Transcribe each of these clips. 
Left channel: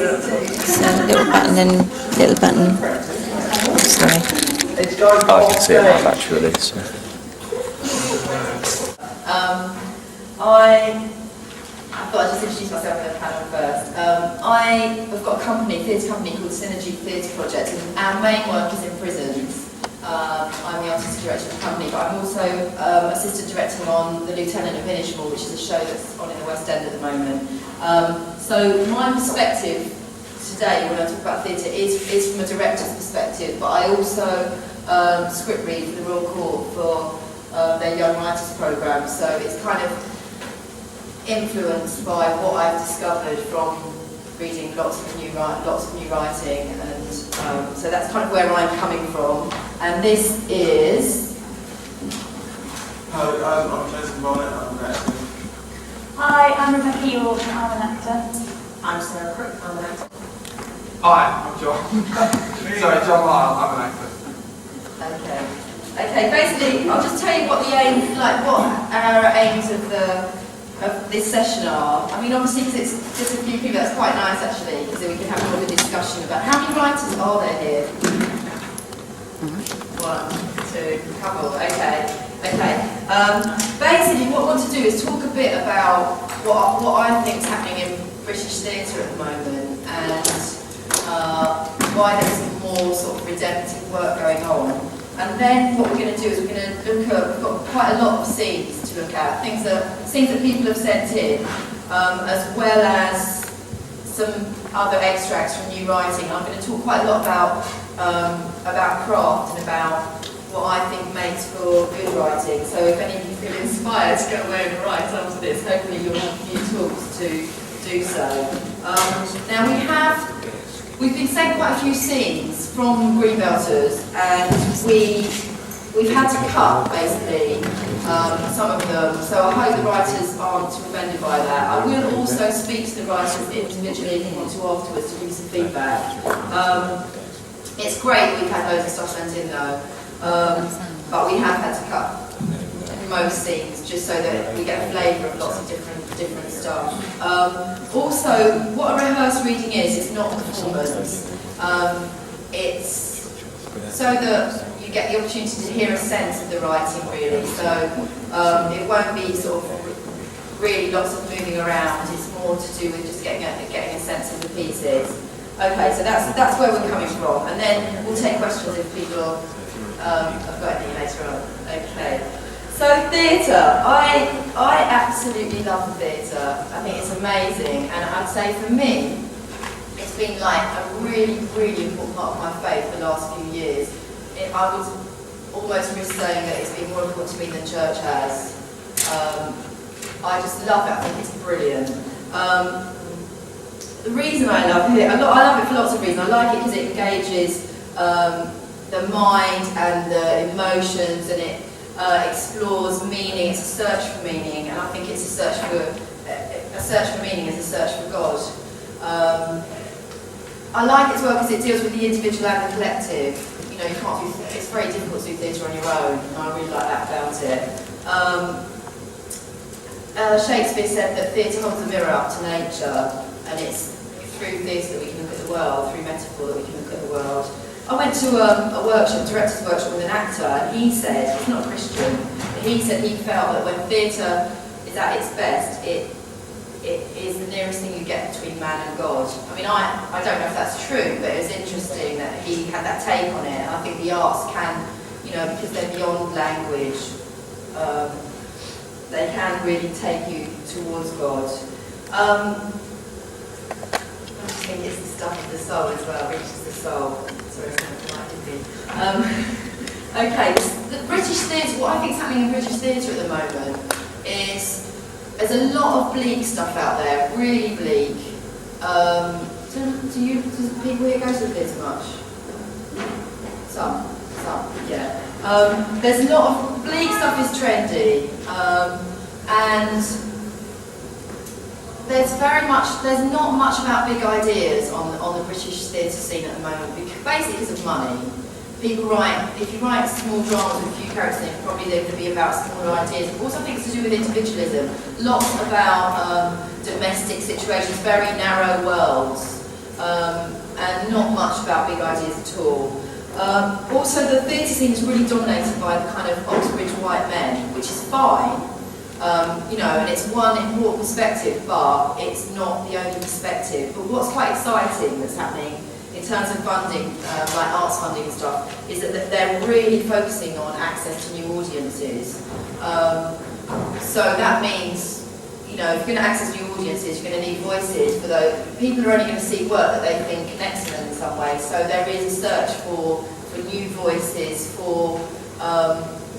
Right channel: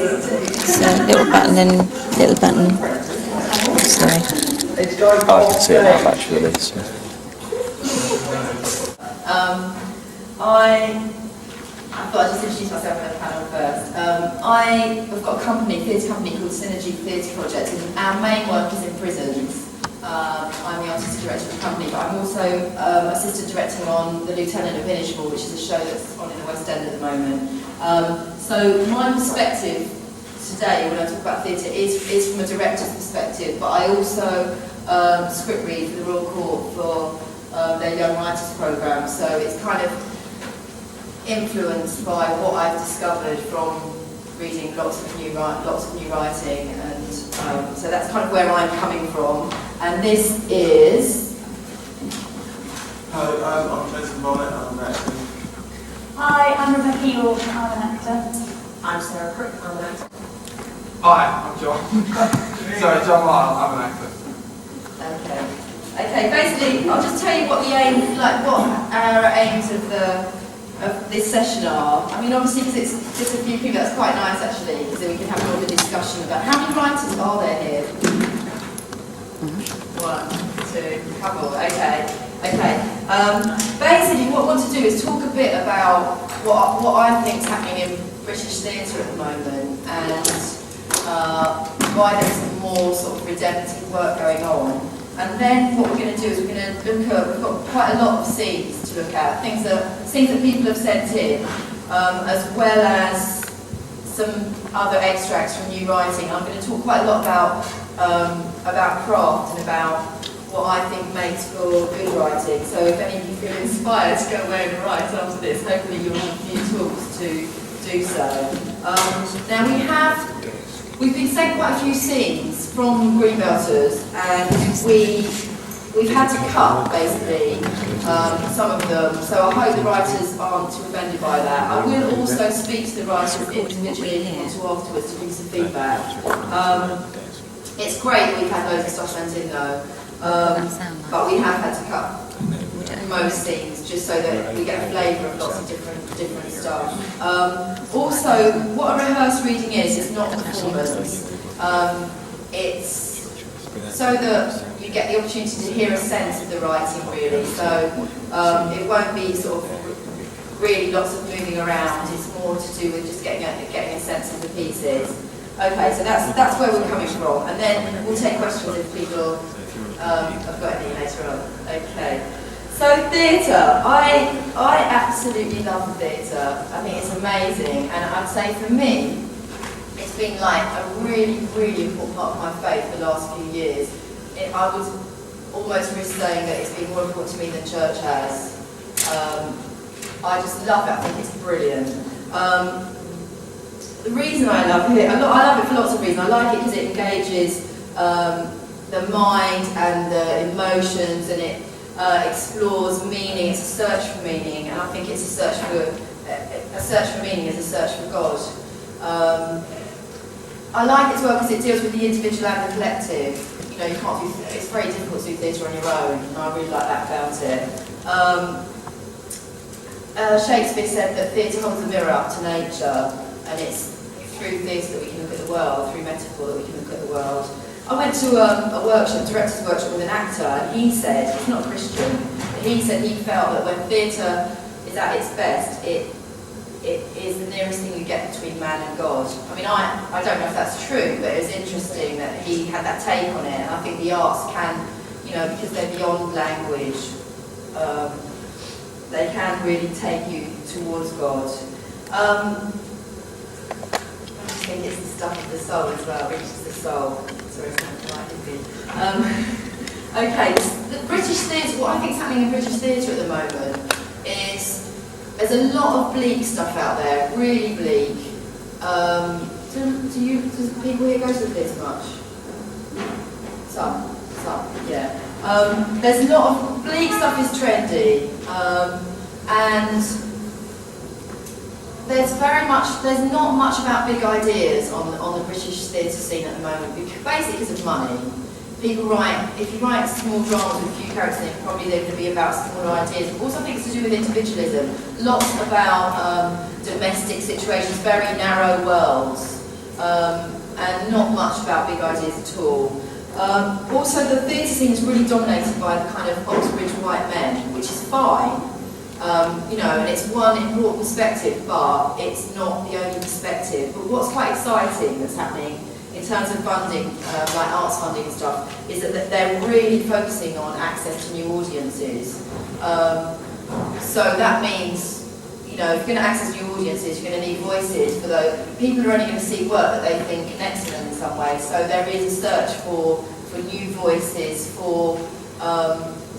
So little button and little button. Sorry. I can see it now actually. So. I thought I'd just introduce myself in the panel first. I've got a theatre company called Synergy Theatre Project, and our main work is in prisons. I'm the artistic director of the company, but I'm also assistant directing on The Lieutenant of Inishmore, which is a show that's on in the West End at the moment. So my perspective today, when I talk about theatre, is from a director's perspective, but I also script read for the Royal Court for their Young Writers programme, so it's kind of influenced by what I've discovered from reading lots of new writing, and so that's kind of where I'm coming from. And this is. Hello, I'm Jason Bonnet, I'm an actor. Hi, I'm Rebecca York, I'm an actor. I'm Sarah Crook, I'm an actor. Hi, I'm John. Sorry, John Lyle, I'm an actor. Okay, basically, I'll just tell you what the aim, what our aims of this session are. I mean, obviously, because it's just a few people, that's quite nice actually, because then we can have more of a discussion about how many writers are there here? 1, 2, couple. Okay. Basically, what I want to do is talk a bit about what I think is happening in British theatre at the moment, and why there's some more sort of redemptive work going on. And then what we're going to do is we're going to look at, we've got quite a lot of scenes to look at, things that people have sent in, as well as some other extracts from new writing. I'm going to talk quite a lot about craft and about what I think makes for good writing. So if any of you feel inspired to go away and write after this, hopefully you'll have a few tools to do so. Now we've been sent quite a few scenes from Greenbelters, and we've had to cut basically some of them. So I hope the writers aren't too offended by that. I will also speak to the writers individually if you want to afterwards to give you some feedback. It's great we've had loads of stuff sent in though, but we have had to cut most scenes just so that we get a flavour of lots of different stuff. Also, what a rehearsed reading is not a performance. It's so that you get the opportunity to hear a sense of the writing really. So it won't be sort of really lots of moving around. It's more to do with just getting a sense of the pieces. Okay, so that's where we're coming from, and then we'll take questions if people have got any later on. Okay. So theatre, I absolutely love theatre. I think it's amazing, and I'd say for me, it's been like a really, really important part of my faith the last few years. I would almost risk saying that it's been more important to me than church has. I just love it. I think it's brilliant. The reason I love it, I love it for lots of reasons. I like it because it engages the mind and the emotions, and it explores meaning. It's a search for meaning, and I think it's a search for meaning is a search for God. I like it as well because it deals with the individual and the collective. You know, you can't do. It's very difficult to do theatre on your own, and I really like that about it. Shakespeare said that theatre holds a mirror up to nature, and it's through theatre that we can look at the world, through metaphor that we can look at the world. I went to a workshop, director's workshop with an actor, and he said, he's not a Christian, but he said he felt that when theatre is at its best, it is the nearest thing you get between man and God. I mean, I don't know if that's true, but it was interesting that he had that take on it, and I think the arts can, you know, because they're beyond language, they can really take you towards God. I think it's the stuff of the soul as well, reaches the soul. Sorry, it's not quite hippie. Okay, the British theatre, what I think is happening in British theatre at the moment is there's a lot of bleak stuff out there, really bleak. Do people here go to the theatre much? Some, yeah. There's a lot of bleak stuff is trendy, and there's not much about big ideas on the British theatre scene at the moment, basically because of money. People write, if you write small dramas with a few characters in it, probably they're going to be about smaller ideas. Also, I think it's to do with individualism. Lots about domestic situations, very narrow worlds. and not much about big ideas at all. Also, the theatre scene is really dominated by the kind of Oxbridge white men, which is fine, and it's one important perspective, but it's not the only perspective. But what's quite exciting that's happening in terms of funding, like arts funding and stuff, is that they're really focusing on access to new audiences. So that means, if you're going to access new audiences, you're going to need voices for those. People are only going to see work that they think connects to them in some way. So there is a search for new voices, for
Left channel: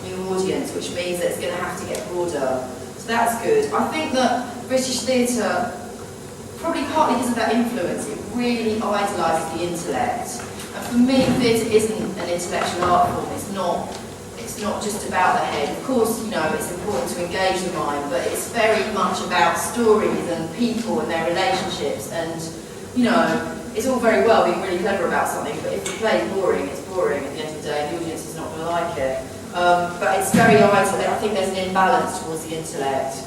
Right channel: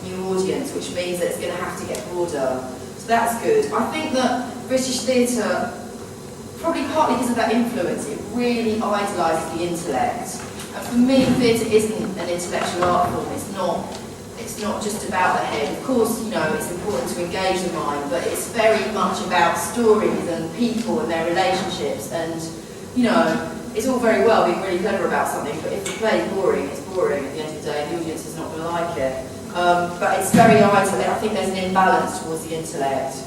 new audience, which means that it's going to have to get broader. So that's good. I think that British theatre, probably partly because of that influence, it really idolises the intellect. And for me, theatre isn't an intellectual art form. It's not just about the head. Of course, it's important to engage the mind, but it's very much about stories and people and their relationships. And, it's all very well being really clever about something, but if the play is boring, it's boring at the end of the day. The audience is not going to like it. But it's very idle. I think there's an imbalance towards the intellect.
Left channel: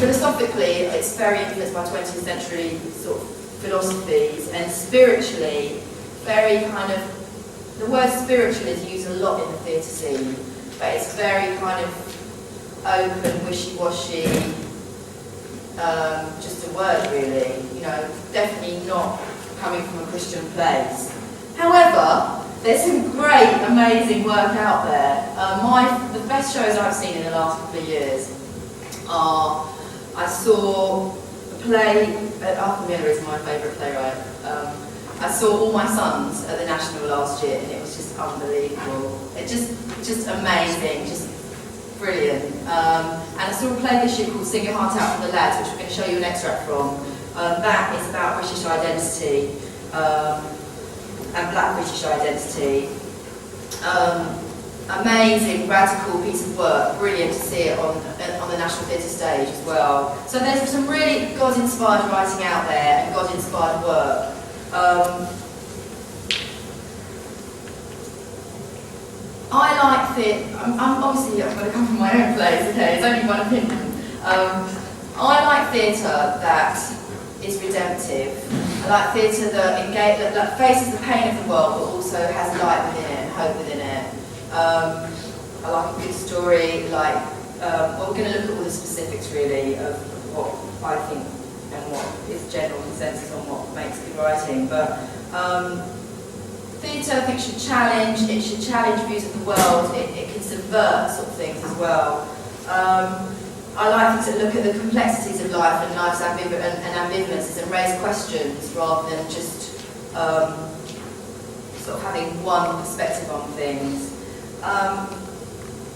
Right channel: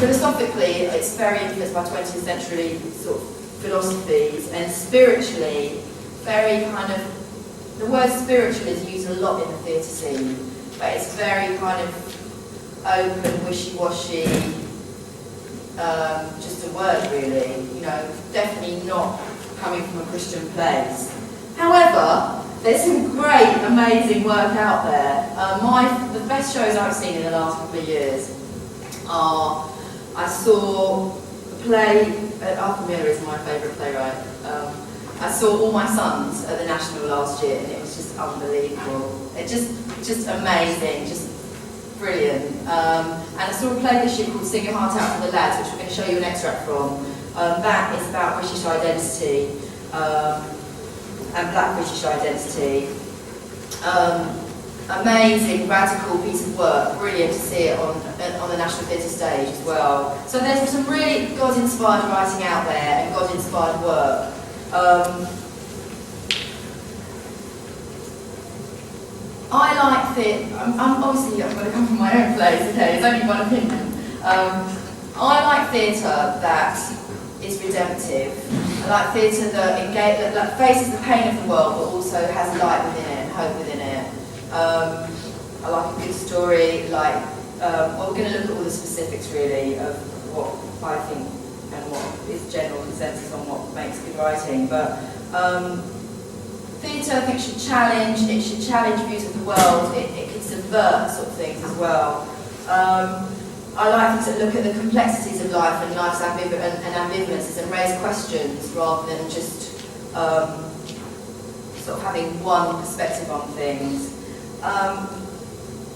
Philosophically, it's very influenced by 20th century sort of philosophies, and spiritually, very kind of, the word spiritual is used a lot in the theatre scene, but it's very kind of open, wishy-washy, just a word really, definitely not coming from a Christian place. However, there's some great, amazing work out there. The best shows I've seen in the last couple of years are, I saw a play, Arthur Miller is my favourite playwright. I saw All My Sons at the National last year, and it was just unbelievable. It just amazing, just brilliant. And I saw a play this year called Sing Your Heart Out for the Lads, which we're going to show you an extract from. That is about British identity and Black British identity. Amazing, radical piece of work. Brilliant to see it on the National Theatre stage as well. So there's some really God-inspired writing out there and God-inspired work. I like theatre. I'm going to come from my own place. Okay, it's only one opinion. I like theatre that is redemptive. I like theatre that faces the pain of the world, but also has light within it and hope within it. I like a good story. We're going to look at all the specifics really of what I think and what is general consensus on what makes good writing. But theatre, I think, should challenge views of the world. It can subvert sort of things as well. I like to look at the complexities of life and life's ambivalences and raise questions rather than just sort of having one perspective on things.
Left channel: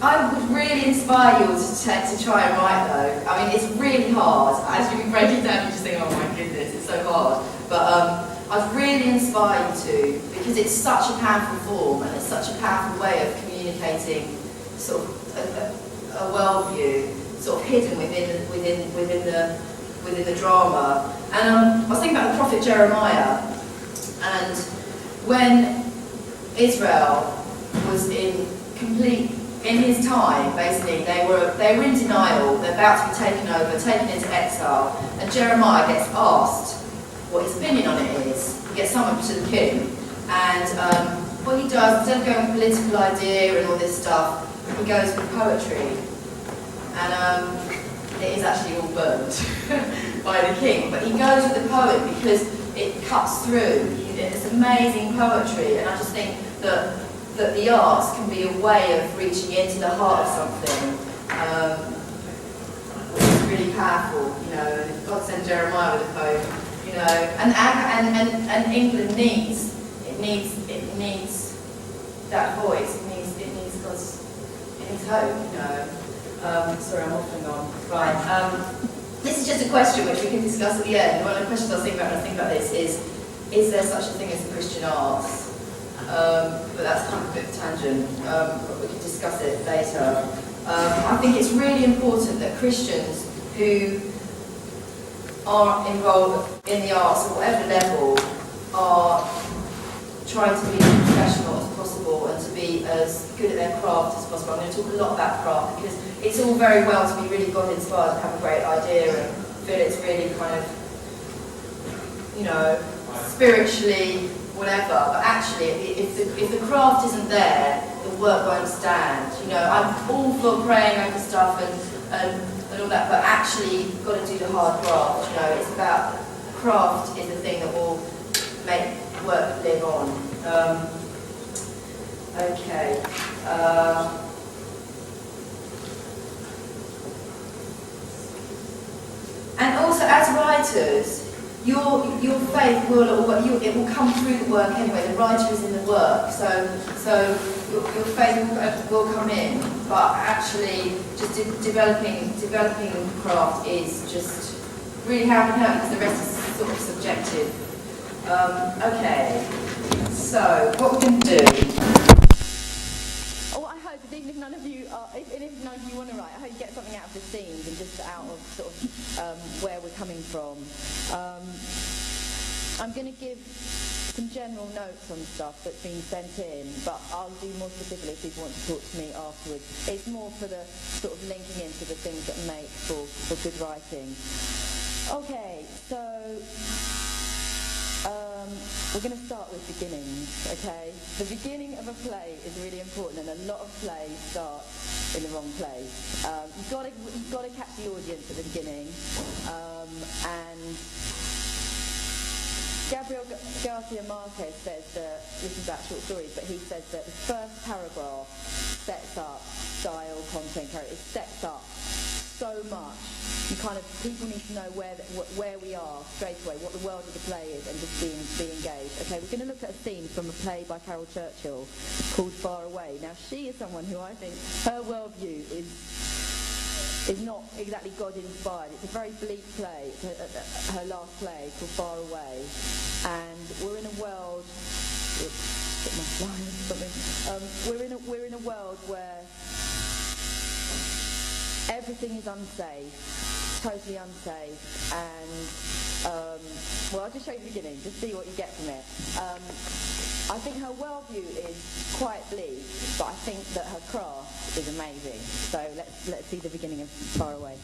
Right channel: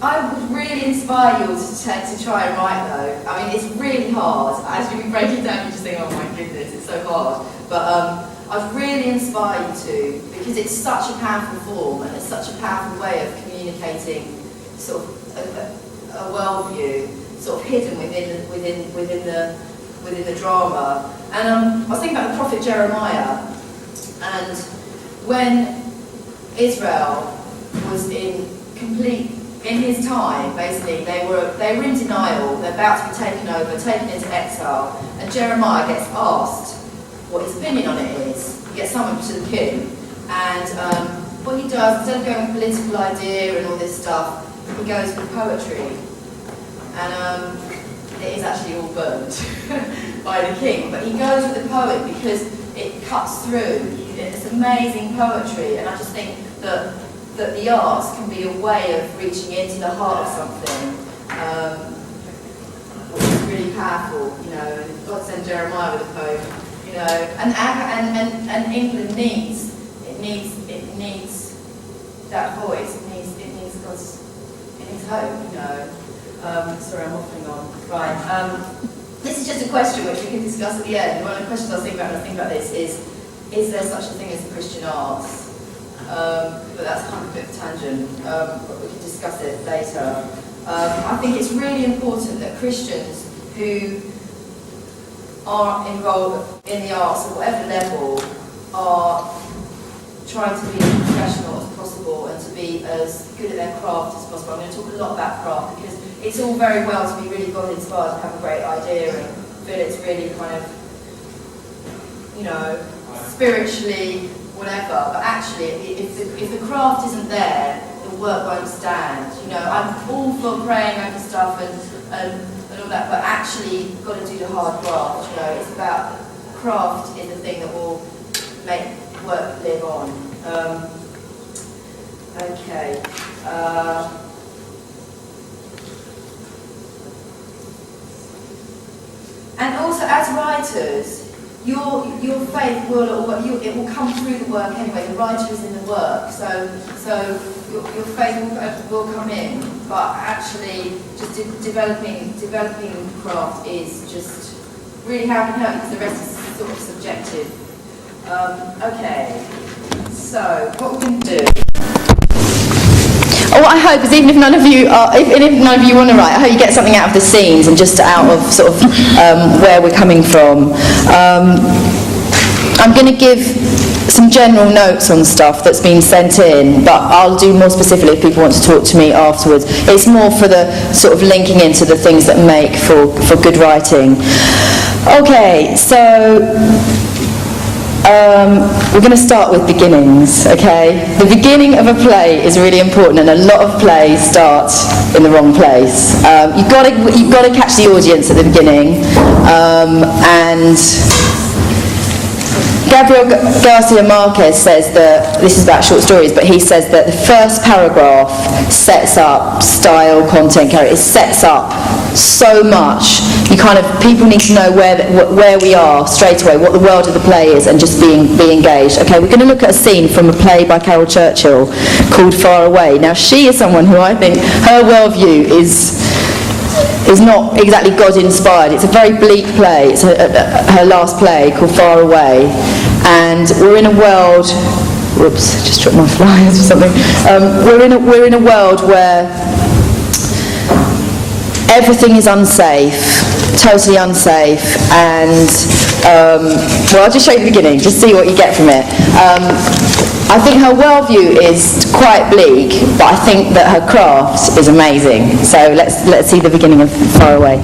I would really inspire you all to try and write though. I mean, it's really hard. As you break it down, you just think, oh my goodness, it's so hard. But I'd really inspire you to, because it's such a powerful form and it's such a powerful way of communicating sort of a worldview, sort of hidden within the drama. And I was thinking about the prophet Jeremiah, and when Israel was in his time, basically, they were in denial, they're about to be taken over, taken into exile, and Jeremiah gets asked what his opinion on it is. He gets summoned to the king, and what he does, instead of going with political idea and all this stuff, he goes with poetry. And it is actually all burned by the king, but he goes with the poem because it cuts through. It's amazing poetry, and I just think that the arts can be a way of reaching into the heart of something, which is really powerful. God sent Jeremiah with a poem. And England needs that voice. It needs hope. Sorry, I'm waffling on. Right. This is just a question which we can discuss at the end. One of the questions I was thinking about this is there such a thing as the Christian arts? But that's kind of a bit of a tangent. But we can discuss it later. I think it's really important that Christians who are involved in the arts at whatever level are trying to be as professional as possible and to be as good at their craft as possible. I'm going to talk a lot about craft because it's all very well to be really God-inspired and have a great idea and feel it's really kind of, spiritually, whatever, but actually, if the craft isn't there, the work won't stand. You know, I'm all for praying over stuff and all that, but actually, you've got to do the hard graft. You know, it's about craft is the thing that will make work live on. Okay. And also, as writers, your faith will it will come through the work anyway. The writer is in the work, so your faith will come in. But actually, just developing craft is just really how it can help, because the rest is sort of subjective. Okay, so what we're going to do. Oh, what I hope is even if none of you want to write, I hope you get something out of the scenes and just out of sort of where we're coming from. I'm going to give some general notes on stuff that's been sent in, but I'll do more specifically if people want to talk to me afterwards. It's more for the sort of linking into the things that make for good writing. Okay, so we're going to start with beginnings, okay? The beginning of a play is really important, and a lot of plays start in the wrong place. You've got to catch the audience at the beginning, and Gabriel Garcia Marquez says that, this is about short stories, but he says that the first paragraph sets up style, content, character. It sets up so much. People need to know where we are straight away, what the world of the play is, and just be engaged. Okay, we're going to look at a scene from a play by Carol Churchill called Far Away. Now, she is someone who I think her worldview is not exactly God-inspired. It's a very bleak play. It's her last play called Far Away. And we're in a world... Whoops, just dropped my flyers or something. We're in a world where everything is unsafe, totally unsafe, and... I'll just show you the beginning, just see what you get from it. I think her worldview is quite bleak, but I think that her craft is amazing. So let's see the beginning of Far Away.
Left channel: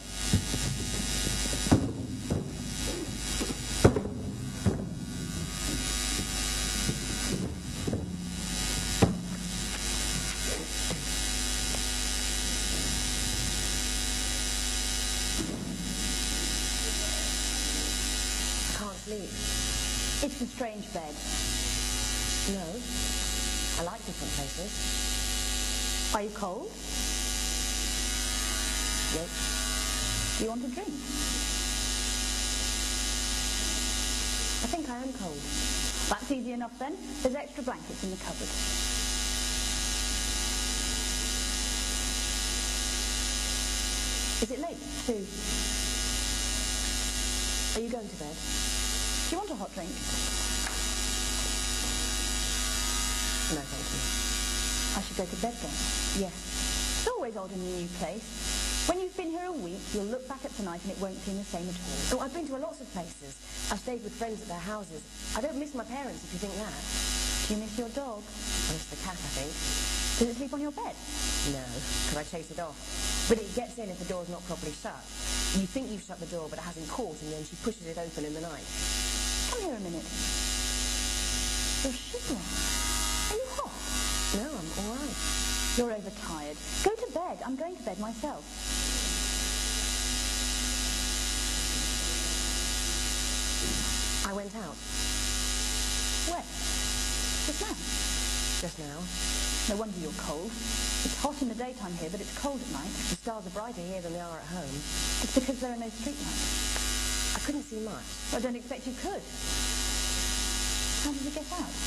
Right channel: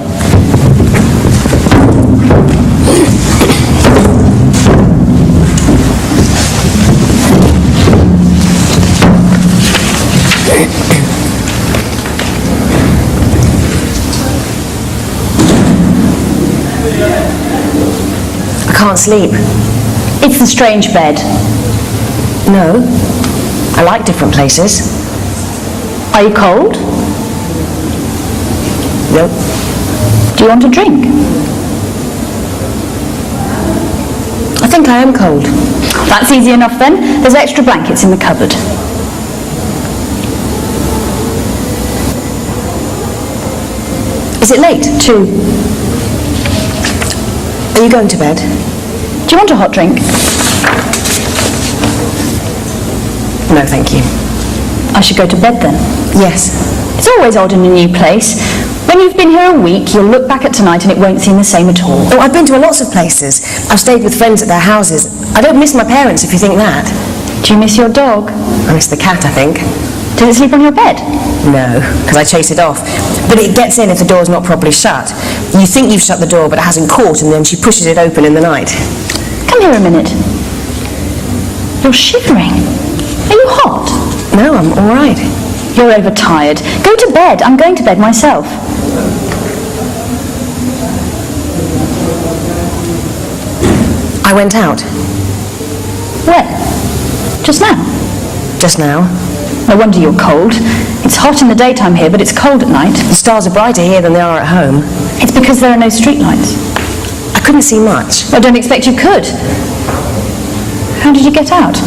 I can't sleep. It's the strange bed. No, I like different places. Are you cold? Nope. Do you want a drink? I think I am cold. That's easy enough then. There's extra blankets in the cupboard. Is it late? 2. Are you going to bed? Do you want a hot drink? No, thank you. I should go to bed then. Yes. It's always odd in a new place. When you've been here a week, you'll look back at tonight and it won't seem the same at all. Oh, I've been to lots of places. I've stayed with friends at their houses. I don't miss my parents, if you think that. Do you miss your dog? I miss the cat, I think. Did it sleep on your bed? No, because I chase it off. But it gets in if the door's not properly shut. You think you've shut the door, but it hasn't caught, and then she pushes it open in the night. Come here a minute. You're shivering. Are you hot? No, I'm all right. You're overtired. Go to bed. I'm going to bed myself. I went out. When? Just now? Just now. No wonder you're cold. It's hot in the daytime here, but it's cold at night. The stars are brighter here than they are at home. It's because there are no streetlights. I couldn't see much. I don't expect you could. How did you get out?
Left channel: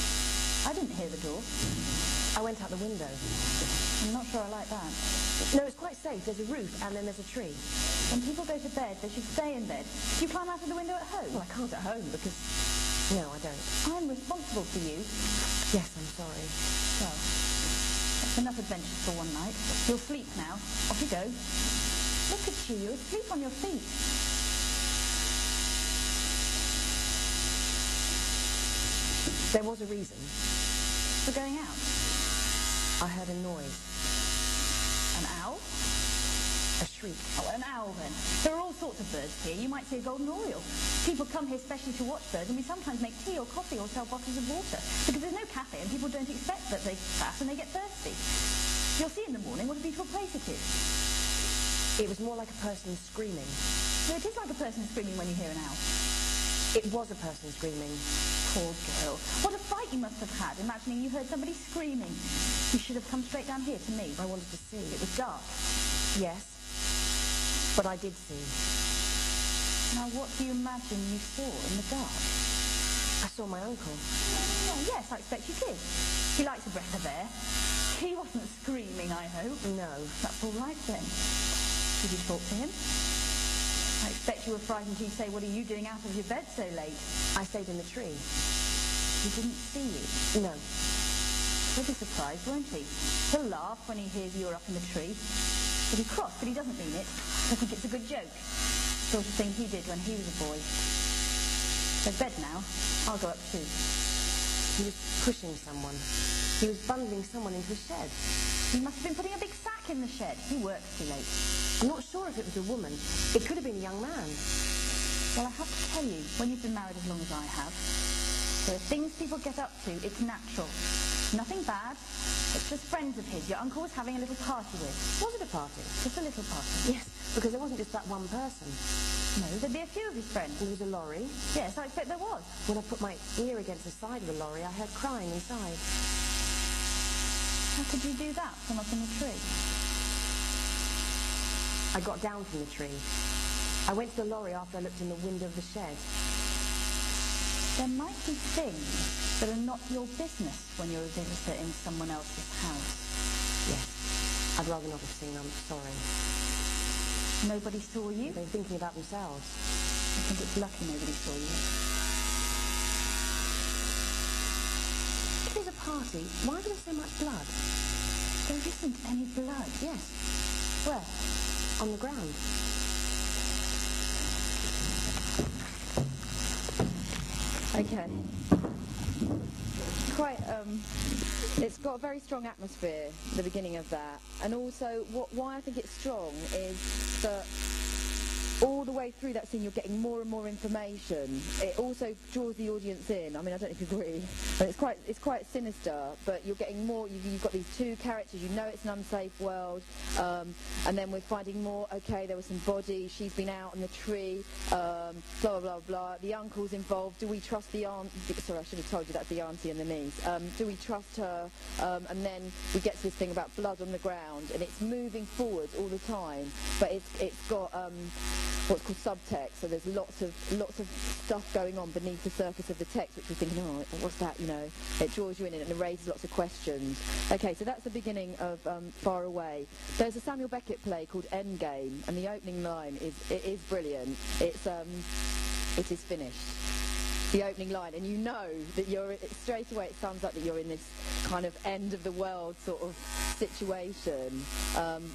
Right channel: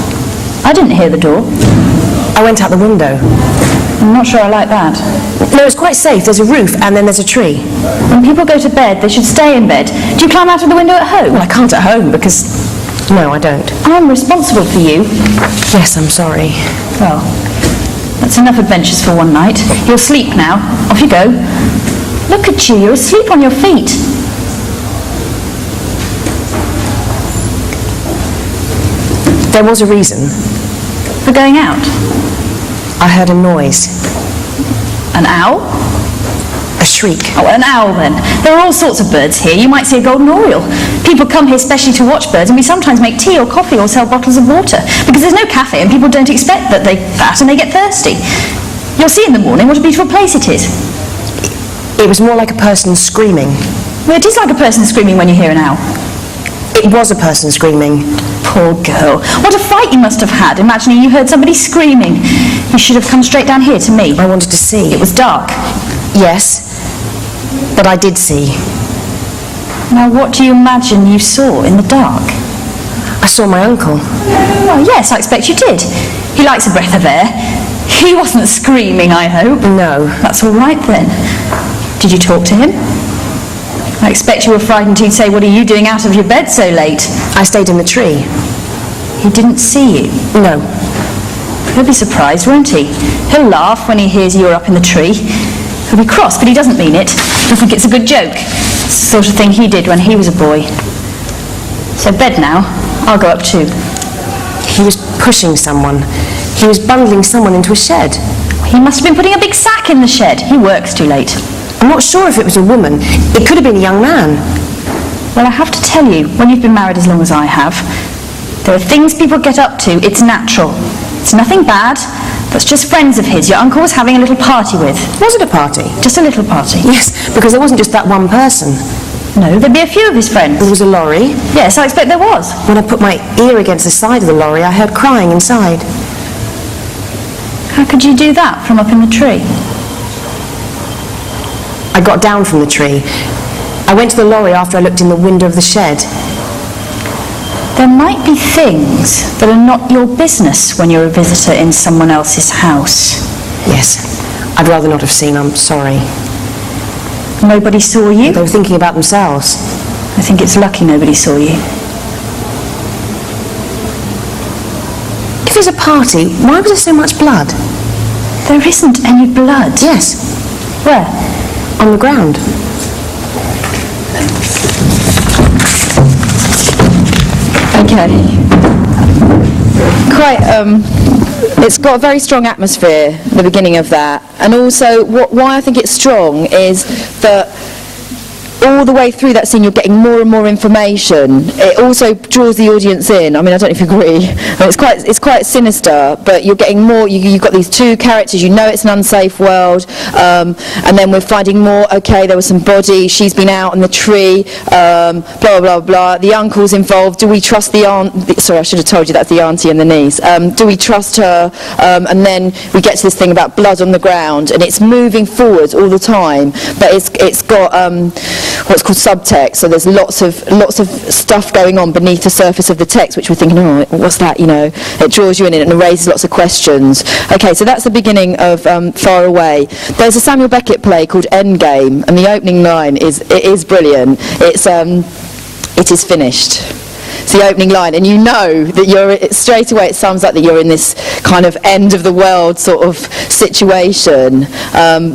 I didn't hear the door. I went out the window. I'm not sure I like that. No, it's quite safe. There's a roof and then there's a tree. When people go to bed, they should stay in bed. Do you climb out of the window at home? Well, I can't at home because... No, I don't. I'm responsible for you. Yes, I'm sorry. Well, that's enough adventures for one night. You'll sleep now. Off you go. Look at you. You're asleep on your feet. There was a reason. For going out? I heard a noise. An owl? A shriek. Oh, well, an owl then. There are all sorts of birds here. You might see a golden oriole. People come here specially to watch birds, and we sometimes make tea or coffee or sell bottles of water, because there's no cafe and people don't expect that and they get thirsty. You'll see in the morning what a beautiful place it is. It was more like a person screaming. Well, it is like a person screaming when you hear an owl. It was a person screaming. Poor girl. What a fright you must have had, imagining you heard somebody screaming. You should have come straight down here to me. I wanted to see. It was dark. Yes, but I did see. Now, what do you imagine you saw in the dark? I saw my uncle. Well, yes, I expect you did. He likes a breath of air. He wasn't screaming, I hope. No. That's all right, then. Did you talk to him? I expect you were frightened he'd say, "What are you doing out of your bed so late?" I stayed in the tree. He didn't see you? No. He'll be surprised, won't he? He'll laugh when he hears you're up in the tree. He'll be cross, but he doesn't mean it. He'll think it's a good joke. It's the sort of thing he did when he was a boy. So bed now. I'll go up too. He was pushing someone. He was bundling someone into a shed. He must have been putting a big sack in the shed. He works too late. I'm not sure if it was a woman. It could have been a young man. Well, I have to tell you, when you've been married as long as I have, there are things people get up to. It's natural. It's nothing bad. That's just friends of his. Your uncle was having a little party with. Was it a party? Just a little party. Yes, because there wasn't just that one person. No, there'd be a few of his friends. There was a lorry. Yes, I expect there was. When I put my ear against the side of the lorry, I heard crying inside. How could you do that from up in the tree? I got down from the tree. I went to the lorry after I looked in the window of the shed. There might be things that are not your business when you're a visitor in someone else's house. Yes, I'd rather not have seen. I'm sorry. Nobody saw you? They were thinking about themselves. I think it's lucky nobody saw you. If there's a party, why was there so much blood? There isn't any blood. Yes. Where? On the ground. Okay. It's got a very strong atmosphere, the beginning of that. And also, why I think it's strong is that all the way through that scene you're getting more and more information. It also draws the audience in. I mean, I don't know if you agree. It's quite sinister, but you're getting more. You've got these two characters. You know it's an unsafe world, and then we're finding more. Okay, there was some body. She's been out in the tree. Blah blah blah. The uncle's involved. Do we trust the aunt? Sorry, I should have told you that's the auntie and the niece. Do we trust her? And then we get to this thing about blood on the ground, and it's moving forward all the time. But it's got what's called subtext, so there's lots of stuff going on beneath the surface of the text, which we're thinking, oh, what's that, you know? It draws you in and it raises lots of questions. Okay, so that's the beginning of Far Away. There's a Samuel Beckett play called Endgame, and the opening line is brilliant. It is finished. It's the opening line, and you know that straight away it sounds like that you're in this kind of end of the world sort of situation.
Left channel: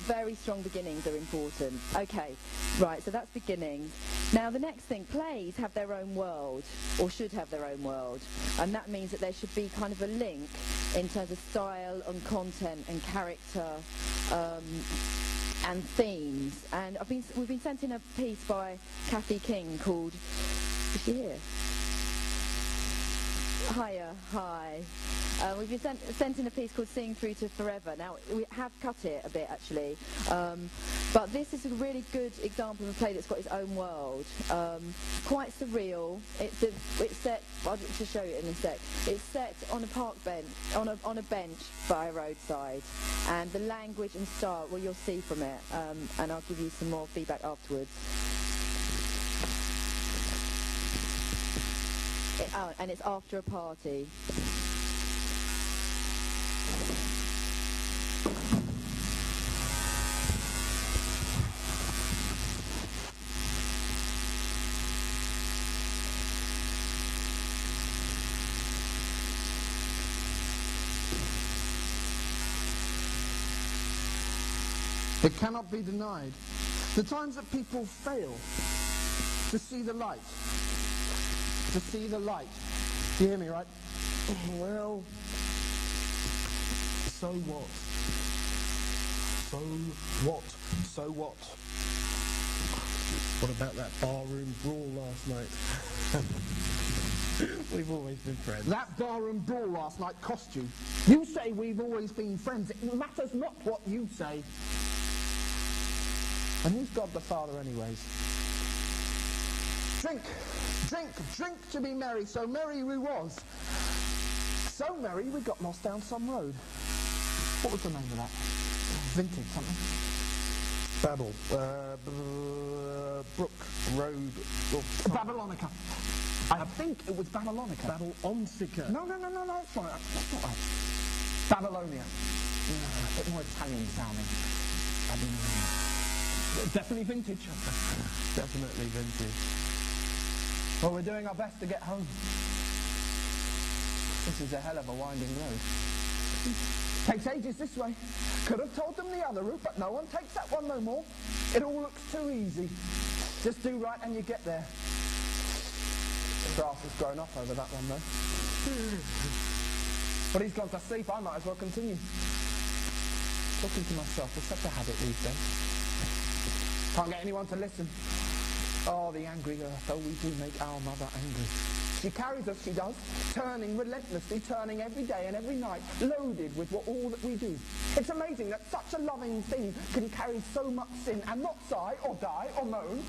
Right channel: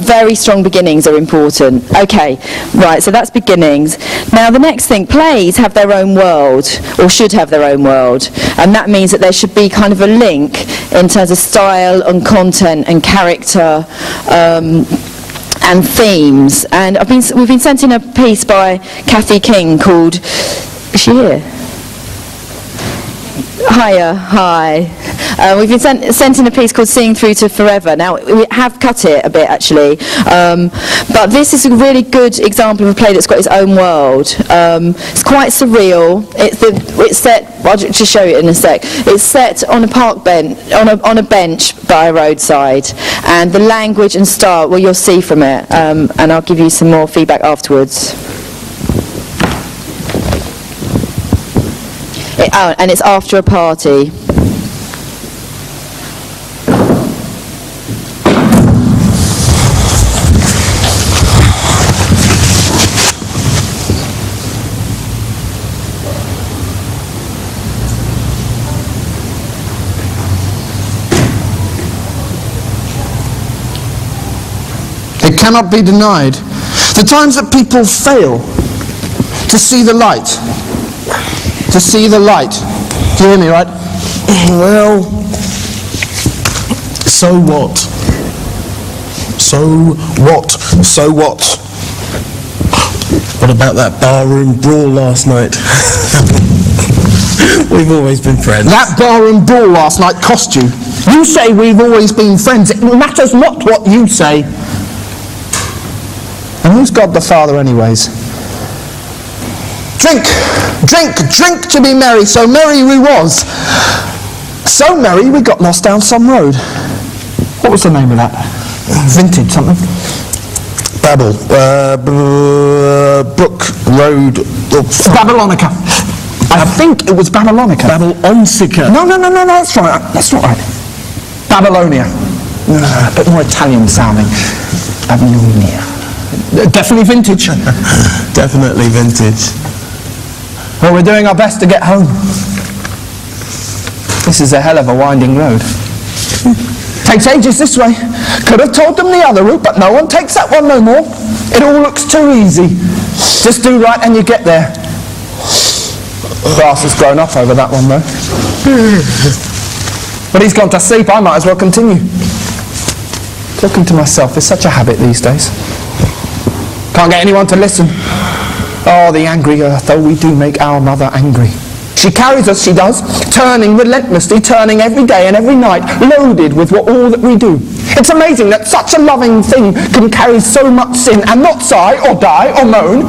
Very strong beginnings are important. Okay, right, so that's beginnings. Now the next thing, plays have their own world, or should have their own world, and that means that there should be kind of a link in terms of style and content and character and themes. And we've been sent in a piece by Kathy King called, is she here? Hiya, hi. We've been sent in a piece called Seeing Through to Forever. Now, we have cut it a bit, actually, but this is a really good example of a play that's got its own world. It's quite surreal. It's set, I'll just show you it in a sec. It's set on a park bench, on a bench by a roadside, and the language and style, well, you'll see from it, and I'll give you some more feedback afterwards. And it's after a party. It cannot be denied. The times that people fail to see the light. To see the light. Do you hear me, right? Well, so what? So what? So what? What about that barroom brawl last night? We've always been friends. That barroom brawl last night cost you. You say we've always been friends. It matters not what you say. And who's God the Father anyways? Drink, drink, drink to be merry. So merry we was. So merry we got lost down some road. What was the name of that? Vintage something? Babel. Brook Road. Babylonica. I think it was Babylonica. Babylonsica. No, that's right. That's not right. Babylonia. A bit more Italian sounding. Babylonia. Definitely vintage. Definitely vintage. Well, we're doing our best to get home. This is a hell of a winding road. Takes ages this way. Could have told them the other route, but no one takes that one no more. It all looks too easy. Just do right and you get there. Grass has grown up over that one though. But he's gone to sleep, I might as well continue. Talking to myself is such a habit these days. Can't get anyone to listen. Oh, the angry earth, oh, we do make our mother angry. She carries us, she does, turning relentlessly, turning every day and every night, loaded with all that we do. It's amazing that such a loving thing can carry so much sin and not sigh or die or moan.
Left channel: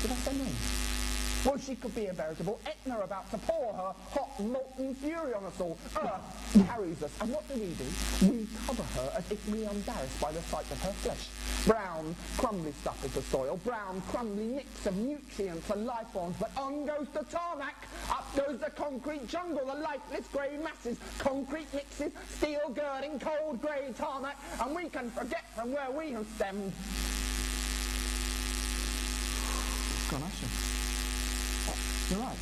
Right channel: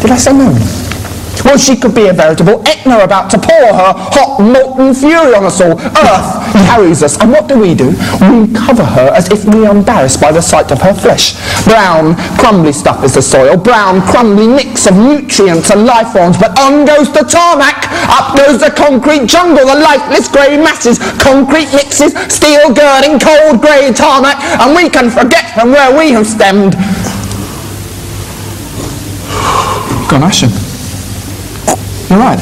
Did I say moan? Well, she could be a veritable Etna about to pour her hot, molten fury on us all. Earth carries us, and what do? We cover her as if we are embarrassed by the sight of her flesh. Brown, crumbly stuff is the soil, brown, crumbly mix of nutrients and life forms, but on goes the tarmac, up goes the concrete jungle, the lifeless grey masses, concrete mixes, steel girding, cold grey tarmac, and we can forget from where we have stemmed. Gone ashen. You're right.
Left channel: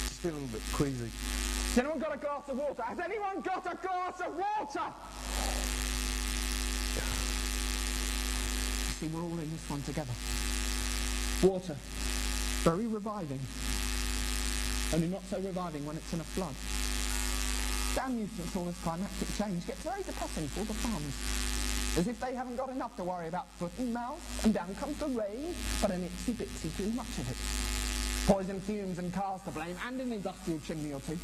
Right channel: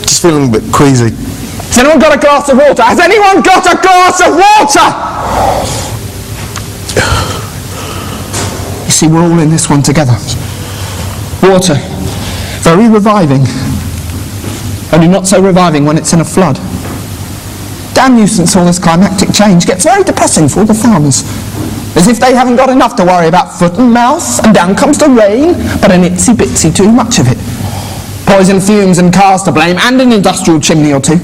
Just feeling a bit queasy. Has anyone got a glass of water? Has anyone got a glass of water? You see, we're all in this one together. Water. Very reviving. Only not so reviving when it's in a flood. Damn nuisance, all this climactic change gets very depressing for all the farmers. As if they haven't got enough to worry about foot and mouth, and down comes the rain, but an itsy bitsy too much of it. Poison fumes and cars to blame, and an industrial chimney or two.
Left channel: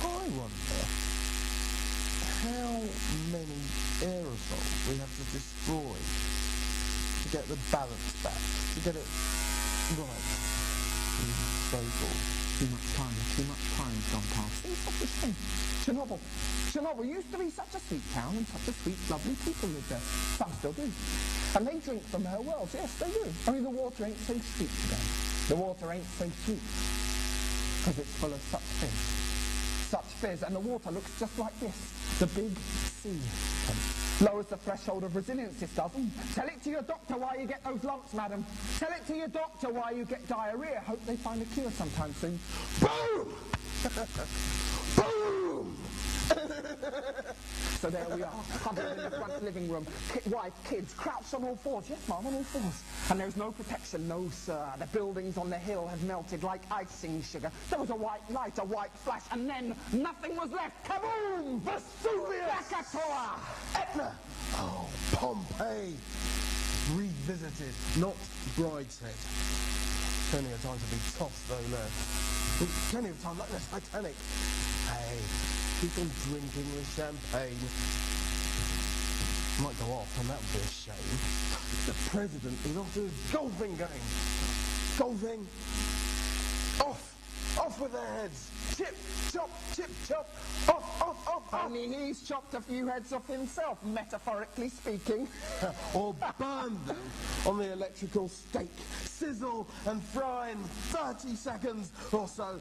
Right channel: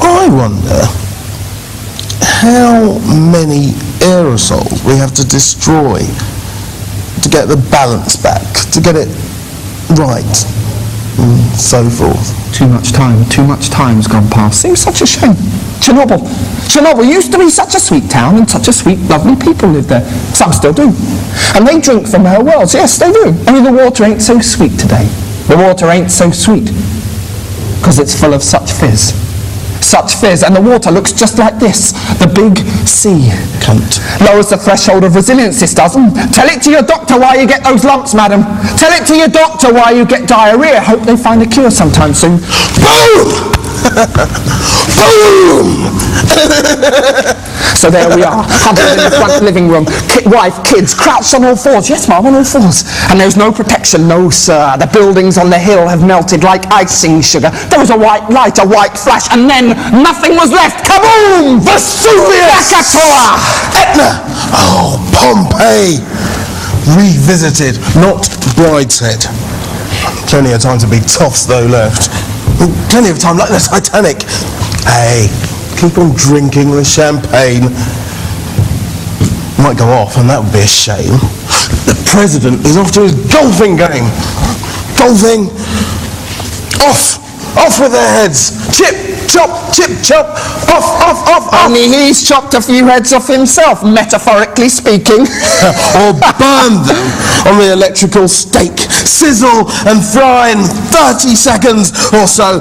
I wonder how many aerosols we have to destroy to get the balance back, to get it right, and so forth. Too much time's gone past. Seems such a shame. Chernobyl used to be such a sweet town, and such a sweet, lovely people lived there. Some still do. And they drink from her wells, yes, they do. Only the water ain't so sweet today. The water ain't so sweet, because it's full of such fizz. Such fizz, and the water looks just like this, the big sea. Cunt. Lowers the threshold of resilience, this doesn't. Tell it to your doctor why you get those lumps, madam. Tell it to your doctor why you get diarrhea. Hope they find a cure sometime soon. Boom! Boom! So there we are, huddled in the front living room. Wife, kids, crouched on all fours. Yes, ma'am, on all fours. And there's no protection, no, sir. The buildings on the hill have melted like icing sugar. There was a white light, a white flash, and then nothing was left. Kaboom! Vesuvius! Krakatoa! Etna! Oh, Pompeii! Revisited, not brideshead. Plenty of time to be toffs, though, left. Plenty of time, like the Titanic. Hey, keep on drinking the champagne. Might go off, and that would be a shame. The president is off to his golfing game. Golfing. Off. Off with their heads. Chip, chop, chip, chop. Off, off, off, off. Only he's chopped a few heads off himself, metaphorically speaking. Or burn them on the electrical stake. Sizzle and fry in 30 seconds or so.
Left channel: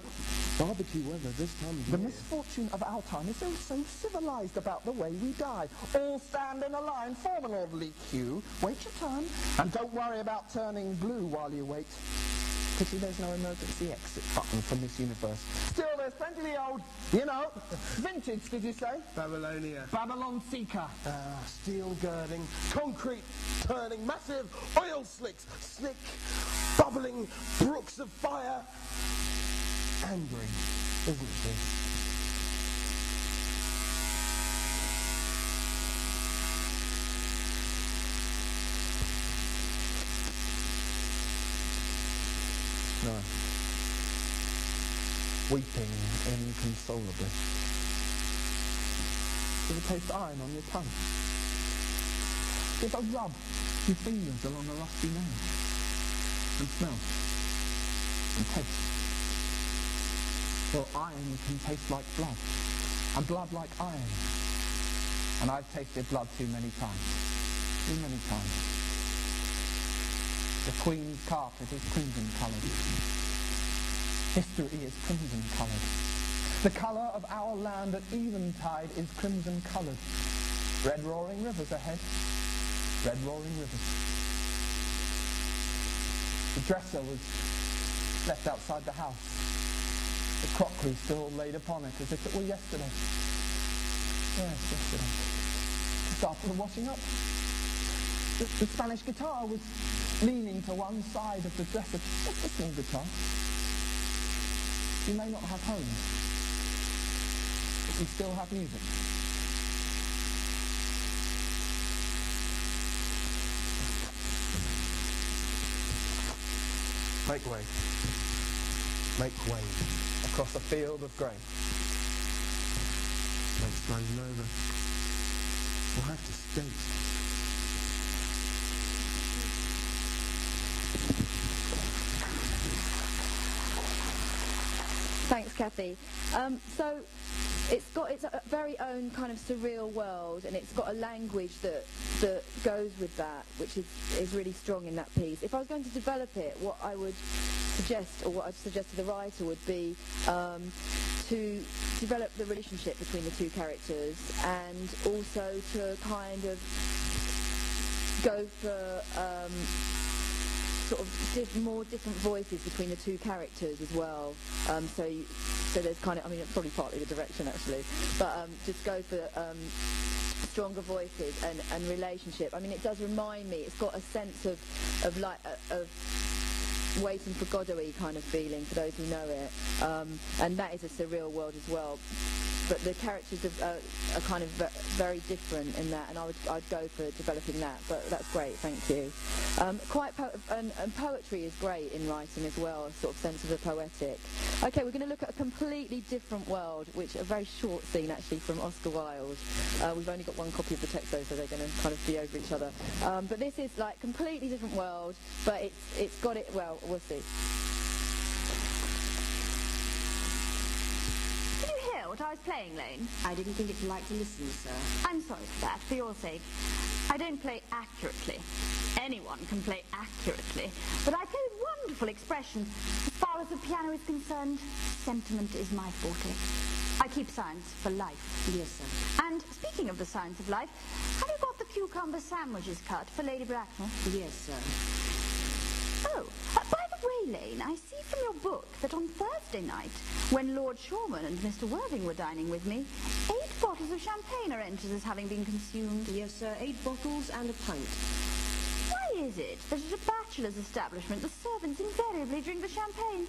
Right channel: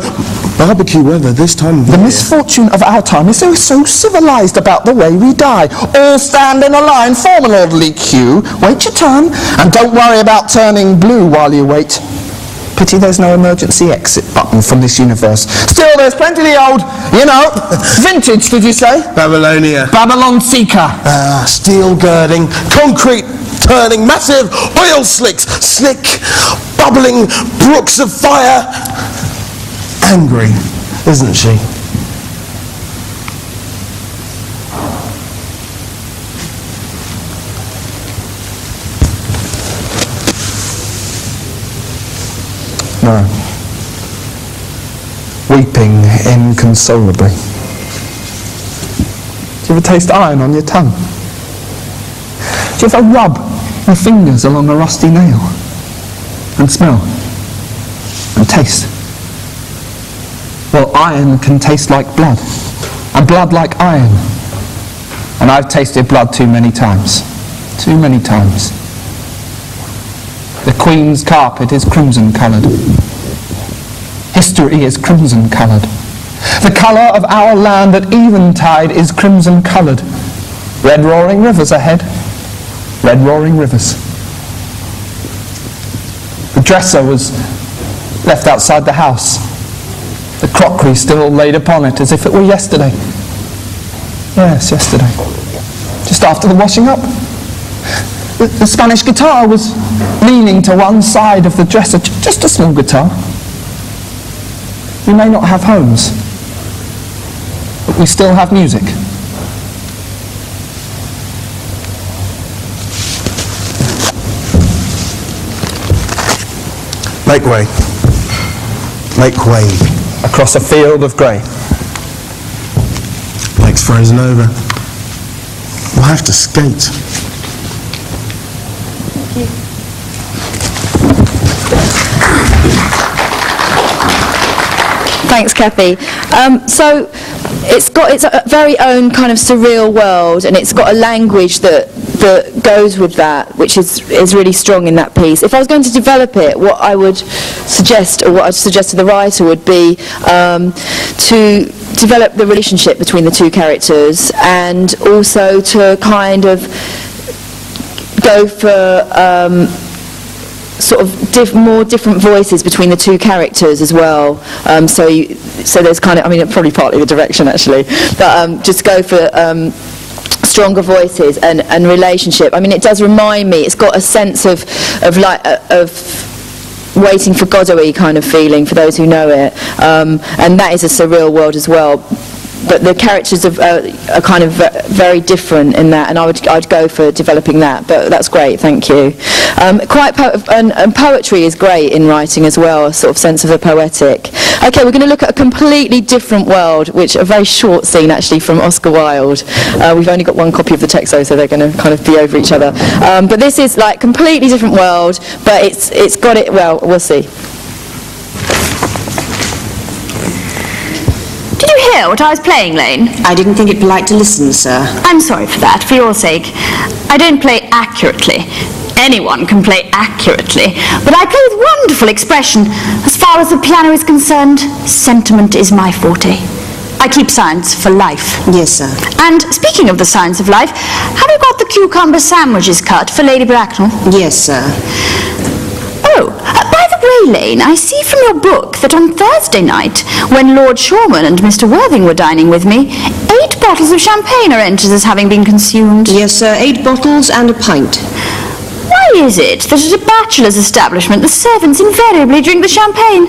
Barbecue weather this time of The year. misfortune of our time is they're so civilised about the way we die. All stand in a line, form an orderly queue, wait your turn, and don't worry about turning blue while you wait. Pity there's no emergency exit button from this universe. Still, there's plenty of the old, vintage, did you say? Babylonia. Babylon Seeker. Steel girding, concrete turning, massive oil slicks, slick, bubbling brooks of fire. Angry, isn't she? inconsolably. Do you ever taste iron on your tongue? Do you ever rub your fingers along a rusty nail and smell and taste? Well, iron can taste like blood, and blood like iron. And I've tasted blood too many times. Too many times. The Queen's carpet is crimson-coloured. History is crimson-coloured. The colour of our land at eventide is crimson-coloured. Red roaring rivers ahead. Red roaring rivers. The dresser was left outside the house. The crockery still laid upon it as if it were yesterday. Yes, yesterday. Just after the washing up. The Spanish guitar was leaning to one side of the dresser, just a small guitar. We may not have homes, but we still have music. Make way. Make way. Across a field of grey. Lake's frozen over. We'll have to skate. Thanks, Kathy. So it's got its very own kind of surreal world, and it's got a language that goes with that, which is really strong in that piece. If I was going to develop it, what I would suggest, or what I'd suggest to the writer, would be to develop the relationship between the two characters, and also to kind of go for sort of more different voices between the two characters as well. So there's kind of, I mean, probably partly the direction actually, but just go for stronger voices and relationship. I mean, it does remind me, it's got a sense of Waiting for Godot-y kind of feeling for those who know it, and that is a surreal world as well. But the characters are kind of very different in that, and I'd go for developing that. But that's great, thank you. And poetry is great in writing as well, a sort of sense of the poetic. Okay, we're going to look at a completely different world, which a very short scene actually from Oscar Wilde. We've only got one copy of the text though, so they're going to kind of be over each other. But this is like completely different world, but it's got it. Well, we'll see. Did you hear what I was playing, Lane? I didn't think it polite to listen, sir. I'm sorry for that, for your sake. I don't play accurately. Anyone can play accurately, but I play with wonderful expression. As far as the piano is concerned, sentiment is my forte. I keep science for life. Yes, sir. And speaking of the science of life, have you got the cucumber sandwiches cut for Lady Bracknell? Yes, sir. Oh, by the way, Lane, I see from your book that on Thursday night, when Lord Shorman and Mr. Worthing were dining with me, 8 bottles of champagne are entered as having been consumed. Yes, sir, 8 bottles and a pint. Why is it that at a bachelor's establishment the servants invariably drink the champagne?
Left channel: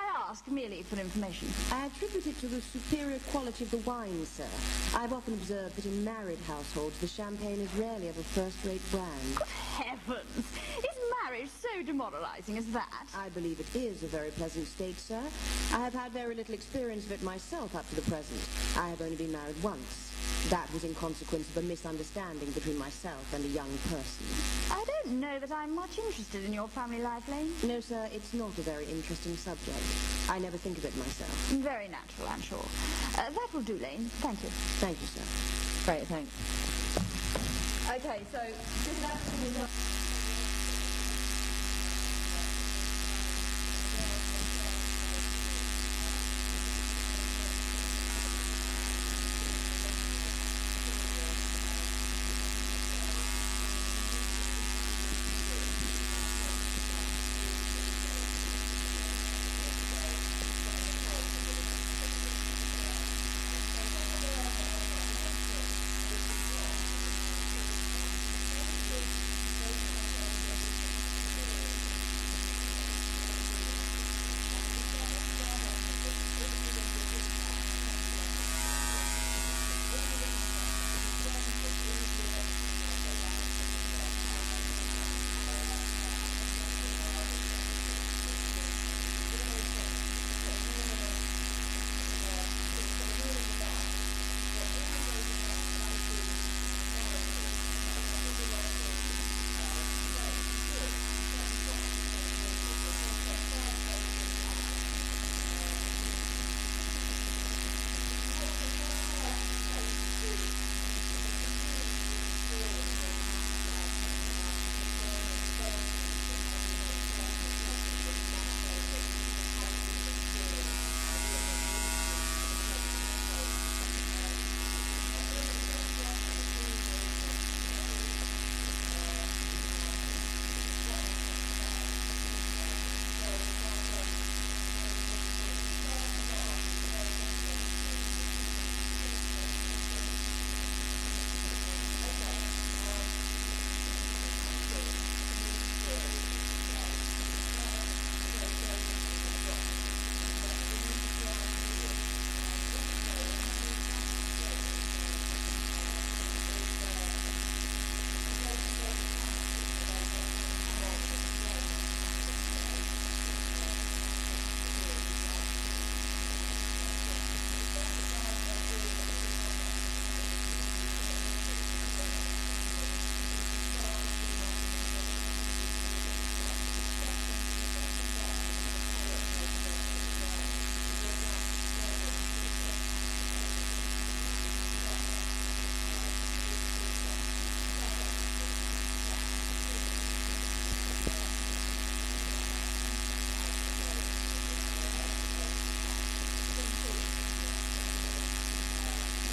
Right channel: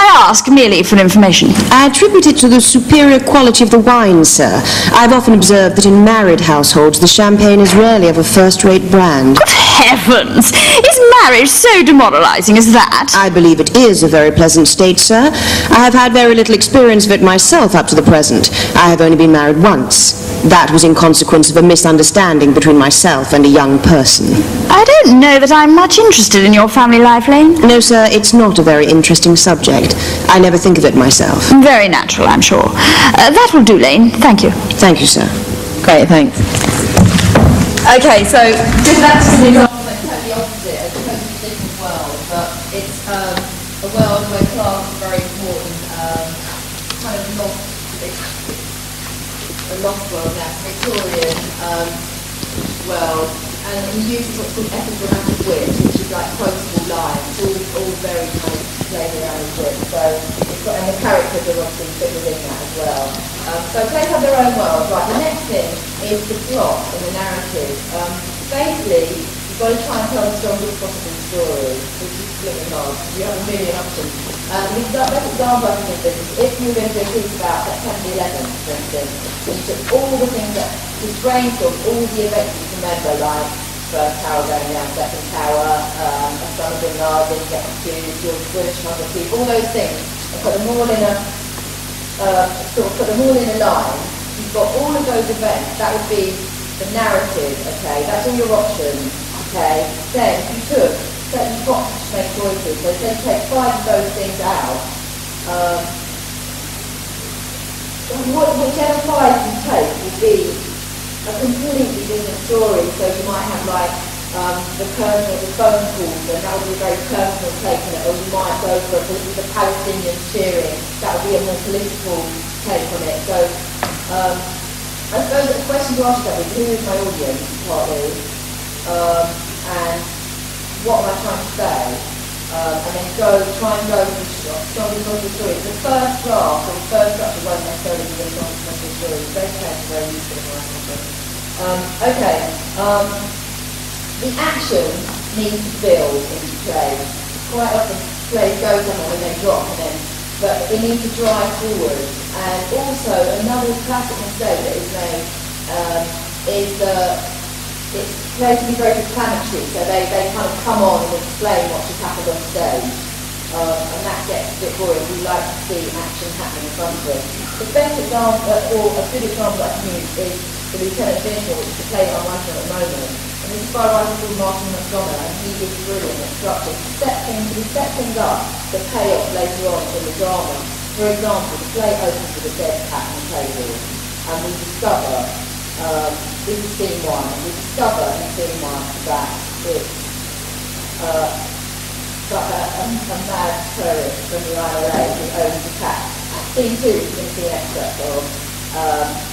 I ask merely for information. I attribute it to the superior quality of the wine, sir. I've often observed that in married households the champagne is rarely of a first-rate brand. Good heavens! Is marriage so demoralizing as that? I believe it is a very pleasant state, sir. I have had very little experience of it myself up to the present. I have only been married once. That was in consequence of a misunderstanding between myself and a young person. I don't know that I'm much interested in your family life, Lane. No, sir, it's not a very interesting subject. I never think of it myself. Very natural, I'm sure. That will do, Lane. Thank you. Thank you, sir. Great, thanks. Okay, so That's an example that's totally opposite, a totally different world, but it's a world where class is very important, kind of a lost world now, Victorian world, and he uses what's called epigrammatic wit, which is like quotable lines, all very kind of played around with wit. So it's got, and the characters are obviously fit within that as well. So they have their own world. Right, the next thing is the plot and the narrative. Basically, you've got to try and tell the strongest possible story, which is really hard, because you have a million options. The best example I can think of is if you were going to do a piece about September 11th, for instance, and you took all the things that, just brainstorm all the events you can remember, like first tower going down, second tower, Osama bin Laden, get accused, George Bush, all those things, and put them all in a sort of put them all in a line, you've got all of those events, that would be the narrative, okay, that's all your options, okay, then you took, so you've got to make choices, so then take 5 of those things out, whichever 5 you take will be a completely different story, so you might have like the phone calls, and that would be a very personal take on it, or you might go for the Palestinians cheering, that would be a more political take on it. So I suppose the question to ask yourself is, who is my audience, partly, and what am I trying to say? And then try and go to strongly positive stories. The first draft, or the first structure won't necessarily be the strongly positive stories. Those terms are very useful in my context. The action needs to build into play. Quite often plays go somewhere and then drop, but it needs to drive forward. And also another classic mistake that is made is that it's plays to be very explanatory, so they kind of come on and explain what just happened on stage. And that gets a bit boring. We like to see action happening in front of us. The best example, or a good example I can use, is the Lieutenant Vehicle, which is the play that I'm writing at the moment. And this is by a writer called Martyn Joseph, and he is brilliant at structure. We set things up, the payoff later on in the drama. For example, the play opens with a dead cat on the table, and we discover, this is scene 1, and we discover in scene 1 that it's a mad terrorist from the IRA who owns the cat. At scene 2, you're going to see an excerpt of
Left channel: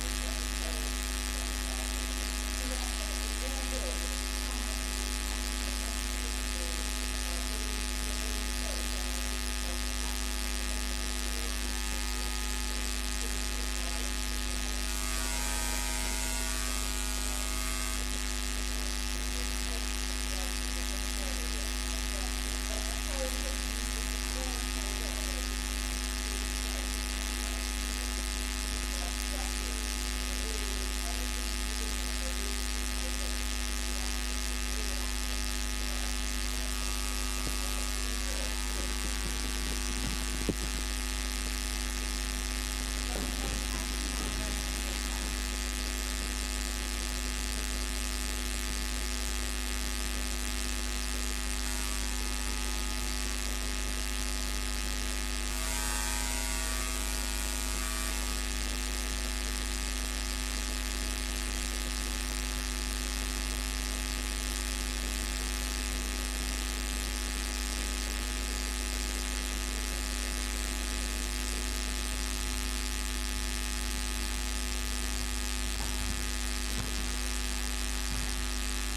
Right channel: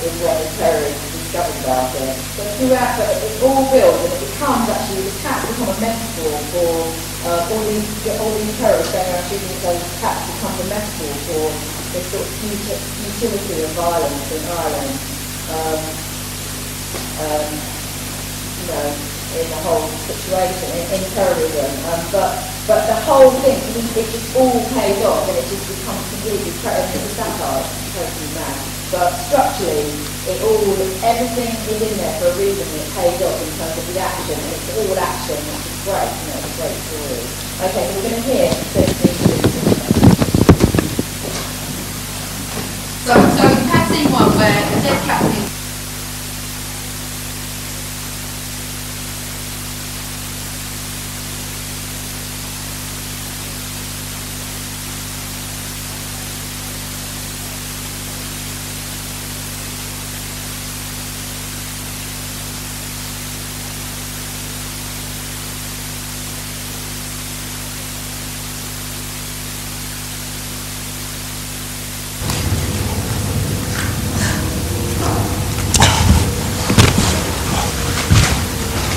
is when the terrorists discovered about it. But throughout, it all builds, and it becomes actually, the cats become a metaphor for all these terrorists going around shooting at those cats, becomes a metaphor for the sort of futility of violence in Ireland. In the whole situation, in terrorism. But the whole thing, it just all pays off, and it just becomes completely satire, totally mad. But structurally, everything is in there for a reason, and it pays off in terms of the action, and it's all action, which is great, it's a great story. Okay, so we're going to hear So we've had scene 1 where the dead captain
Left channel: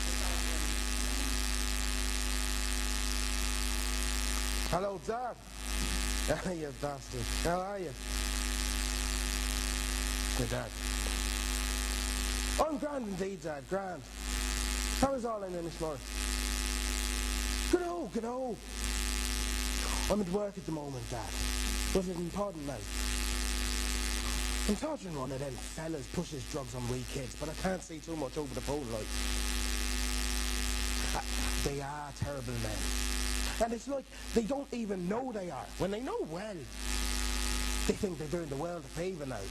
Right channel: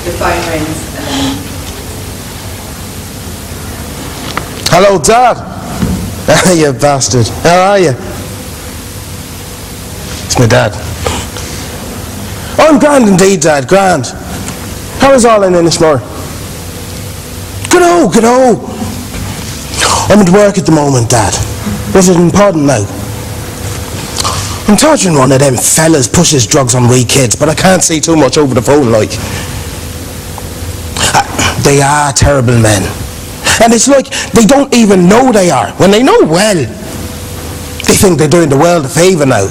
is phone rings and then... Hello, Dad. You bastard. How are you? It's my dad. I'm grand indeed, Dad, grand. How is all in Innismore? Good on. I'm at work at the moment, Dad. Was it important now? I'm torturing one of them fellas pushes drugs on wee kids, but I can't see too much over the phone, like. They are terrible men. And it's like they don't even know they are. When they know well, they think they're doing the world a favour now.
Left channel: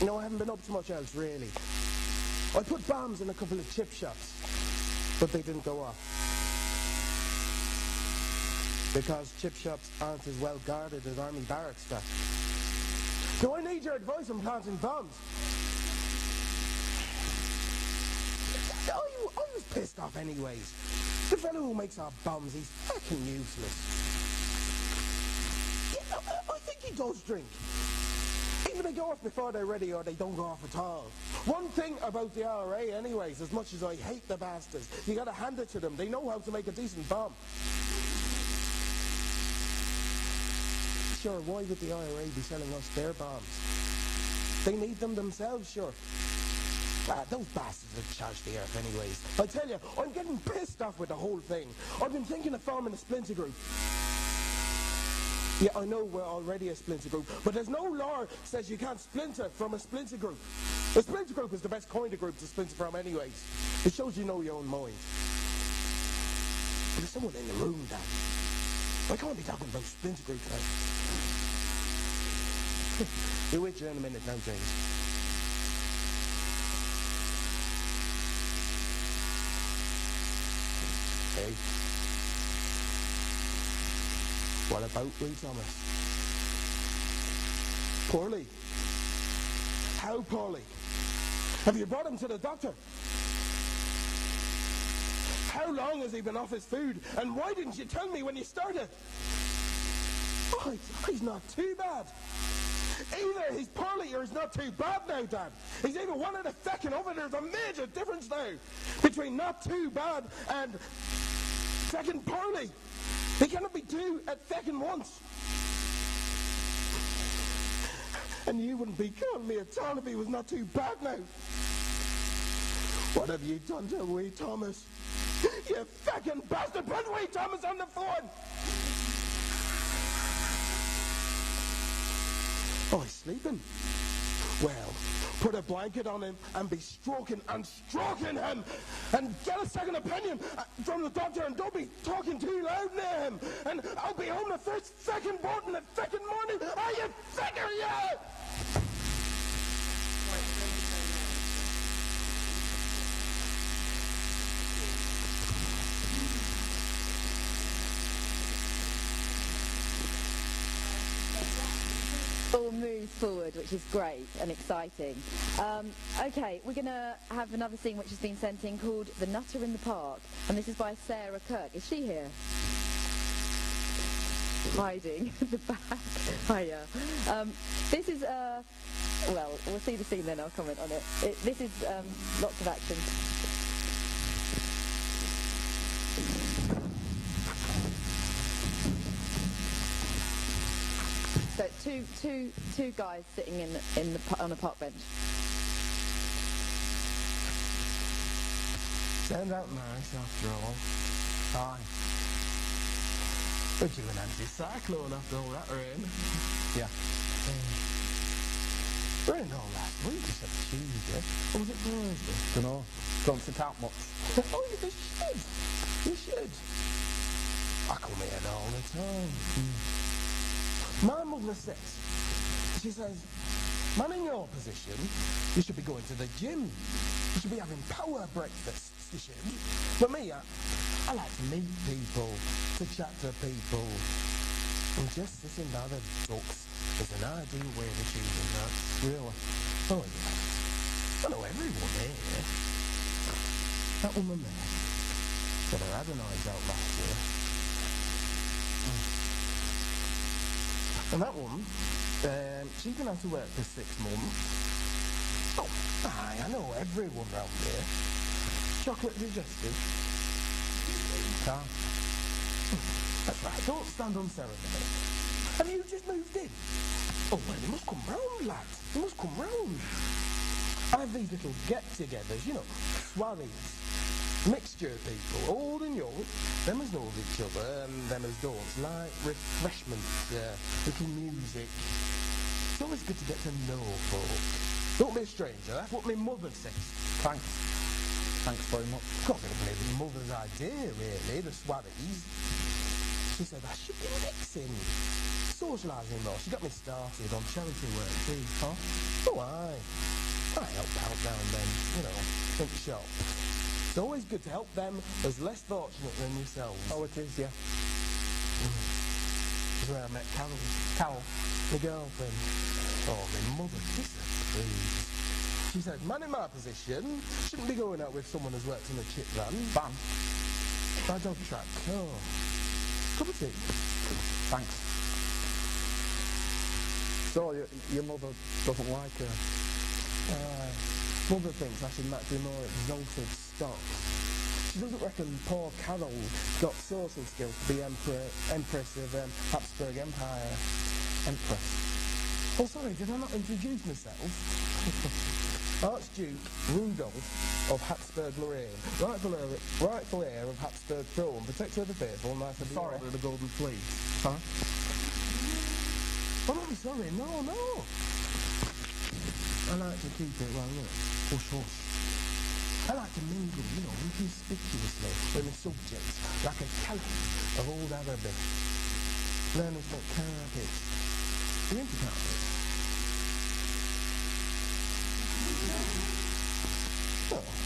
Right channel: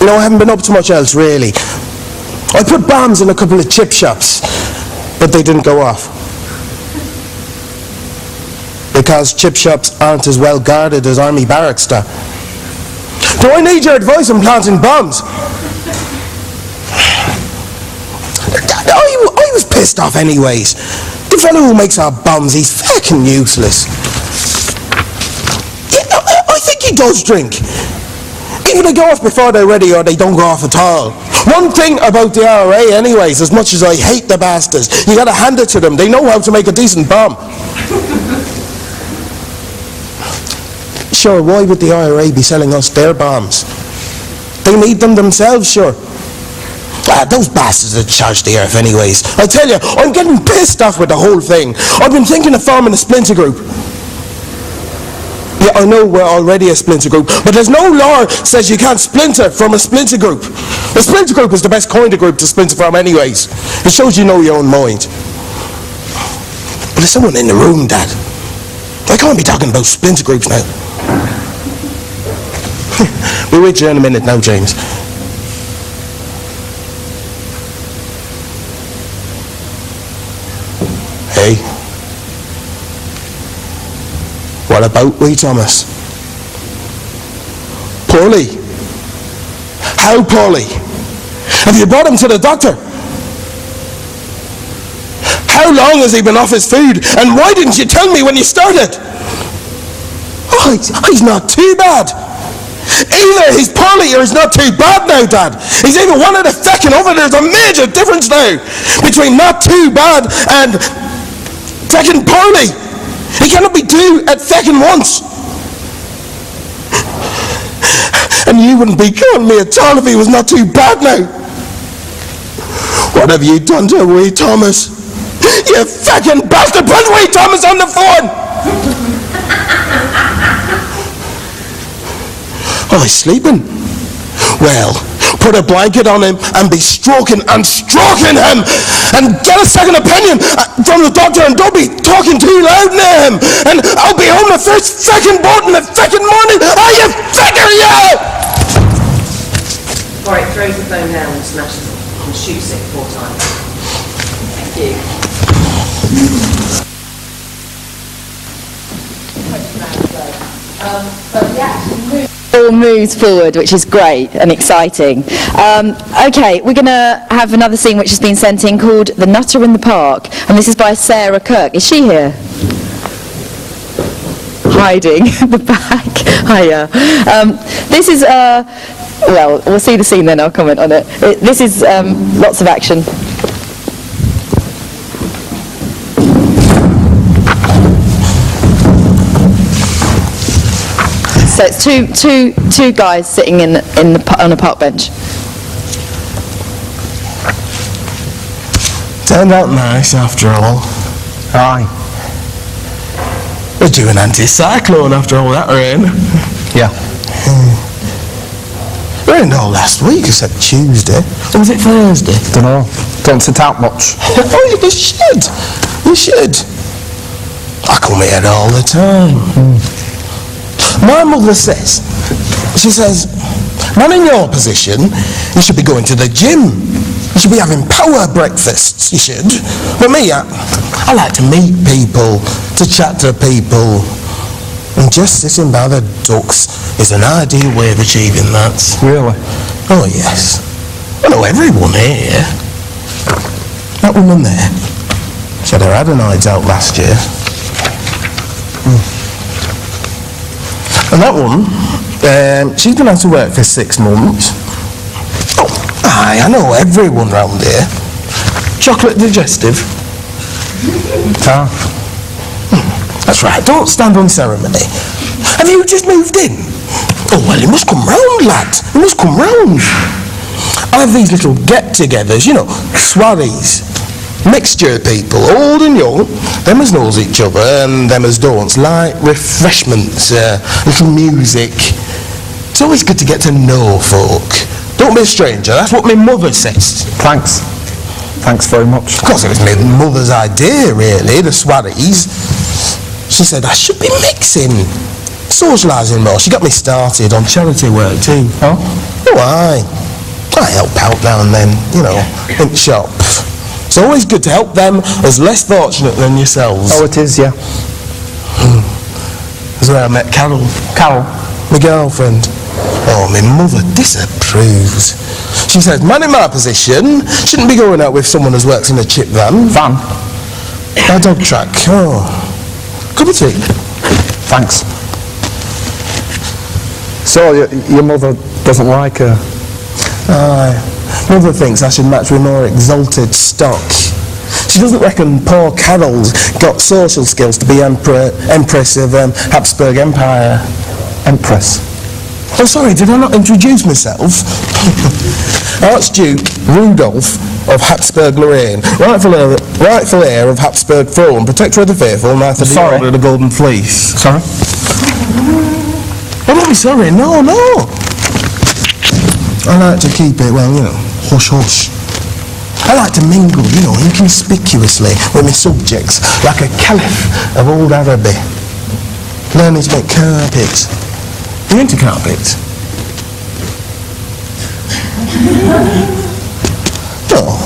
You know, I haven't been up to much else, really. I put bombs in a couple of chip shops, but they didn't go off. Because chip shops aren't as well guarded as army barracks, do I need your advice on planting bombs? I was pissed off anyways. The fellow who makes our bombs, he's fucking useless. Yeah, I think he does drink. Either they go off before they're ready or they don't go off at all. One thing about the IRA anyways, as much as I hate the bastards, you gotta hand it to them. They know how to make a decent bomb. Sure, why would the IRA be selling us their bombs? They need them themselves, sure. Those bastards that charge the earth anyways. I tell you, I'm getting pissed off with the whole thing. I've been thinking of forming a splinter group. Yeah, I know we're already a splinter group, but there's no law says you can't splinter from a splinter group. A splinter group is the best kind of group to splinter from anyways. It shows you know your own mind. But there's someone in the room, Dad. I can't be talking about splinter groups now. We're with you in a minute now, James. Hey. What about wee Thomas? Poorly. How poorly? Have you brought him to the doctor? How long has he been off his food? And why didn't you tell me when you started? Oh, he's not too bad. Either he's poorly or he's not too bad now, Dad. He's either one or the second over. There's a major difference now between not too bad and second poorly. He cannot be two at second once. And you wouldn't be killing me at all if he was not too bad now. What have you done to wee Thomas? You fucking bastard! Put wee Thomas on the phone! Oh, he's sleeping. Well, put a blanket on him and be stroking and stroking him and get a second opinion from the doctor, and don't be talking too loud near him. And I'll be home the first fucking boat in the fucking morning. Are you figure, yeah? All right, throws the phone down and smashes it and shoots it 4 times. Thank you. All moves forward, which is great and exciting. Okay, we're going to have another scene which has been sent in called The Nutter in the Park, and this is by Sarah Kirk. Is she here? Hiding at the back. Hiya. This is, well, we'll see the scene then, I'll comment on it. This is lots of action. So it's two guys sitting on a park bench. Turned out nice after all. Aye. We're due an anti-cyclone after all that rain. Yeah. Rained all last week except Tuesday. Or was it Thursday? Dunno. Don't sit out much. Oh, you should. You should. I come here all the time. My mother says, she says, man in your position, you should be going to the gym. You should be having power breakfasts, you should. But me, I like to meet people, to chat to people. And just sitting by the ducks is an ideal way of achieving that. Really? Oh, yes. I know everyone here. That woman there, she had her adenoids out last year. And that one, she's been out of work for 6 months. Oh, aye, I know everyone round here. Chocolate digestive. Ah. That's right, don't stand on ceremony. Have you just moved in? Oh, well, you must come round, lad. You must come round. I have these little get-togethers, you know, swarries. Mixture of people, old and young, them as knows each other and them as don't, like refreshments, little music. It's always good to get to know folk. Don't be a stranger, that's what my mother says. Thanks. Thanks very much. Of course, it was my mother's idea, really, the swarries. She said I should be mixing, socialising more. She got me started on charity work too. Oh? Oh, aye. I help out now and then, you know, in the shop. It's always good to help them as less fortunate than yourselves. Oh, it is, yeah. That's where I met Carol. Carol? My girlfriend. Oh, my mother disapproves. She says, man in my position shouldn't be going out with someone who works in a chip van. Van? A dog track. Oh. Cup of tea. Thanks. So, your mother doesn't like her? Aye. Mother thinks I should match with more exalted stock. She doesn't reckon poor Carol's got social skills to be Empress of Habsburg Empire. Empress? Oh, sorry, did I not introduce myself? Archduke Rudolph of Habsburg-Lorraine, rightful heir of Habsburg throne, protector of the faithful, knight of the Order of the Golden Fleece. Sorry? Oh, don't be sorry, no. I like to keep it, well, you know, hush-hush. I like to mingle, you know, inconspicuously with my subjects, like a caliph of old Araby. learning to make carpets. Are you into carpets? Oh,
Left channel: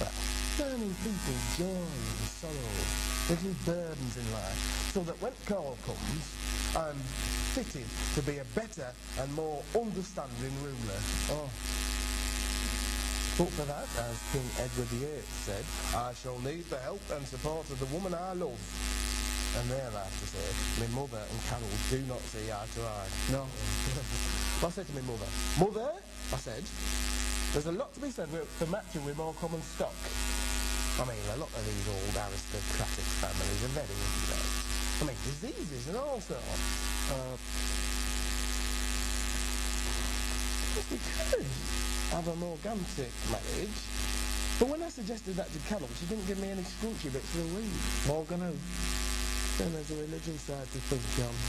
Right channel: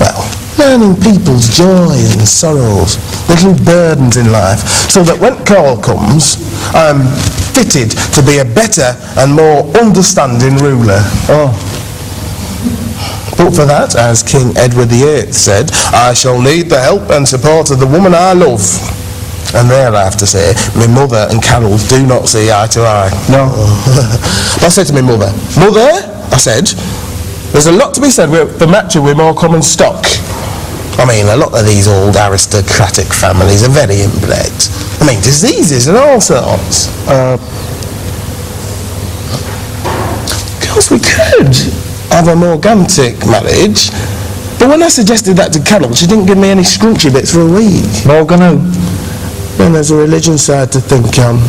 well, learning people's joy and sorrows, little burdens in life, so that when call comes, I'm fitted to be a better and more understanding ruler. Oh. But for that, as King Edward VIII said, I shall need the help and support of the woman I love. And there I have to say, my mother and Carol do not see eye to eye. No. I said to my mother, Mother, I said, there's a lot to be said for matching with more common stock. I mean, a lot of these old aristocratic families are very inbred. I mean, diseases and all sorts. Of course we could have a morgantic marriage, but when I suggested that to Carol, she didn't give me any scrunchy bits for a week. Morgan who? Then there's a religion side to think on.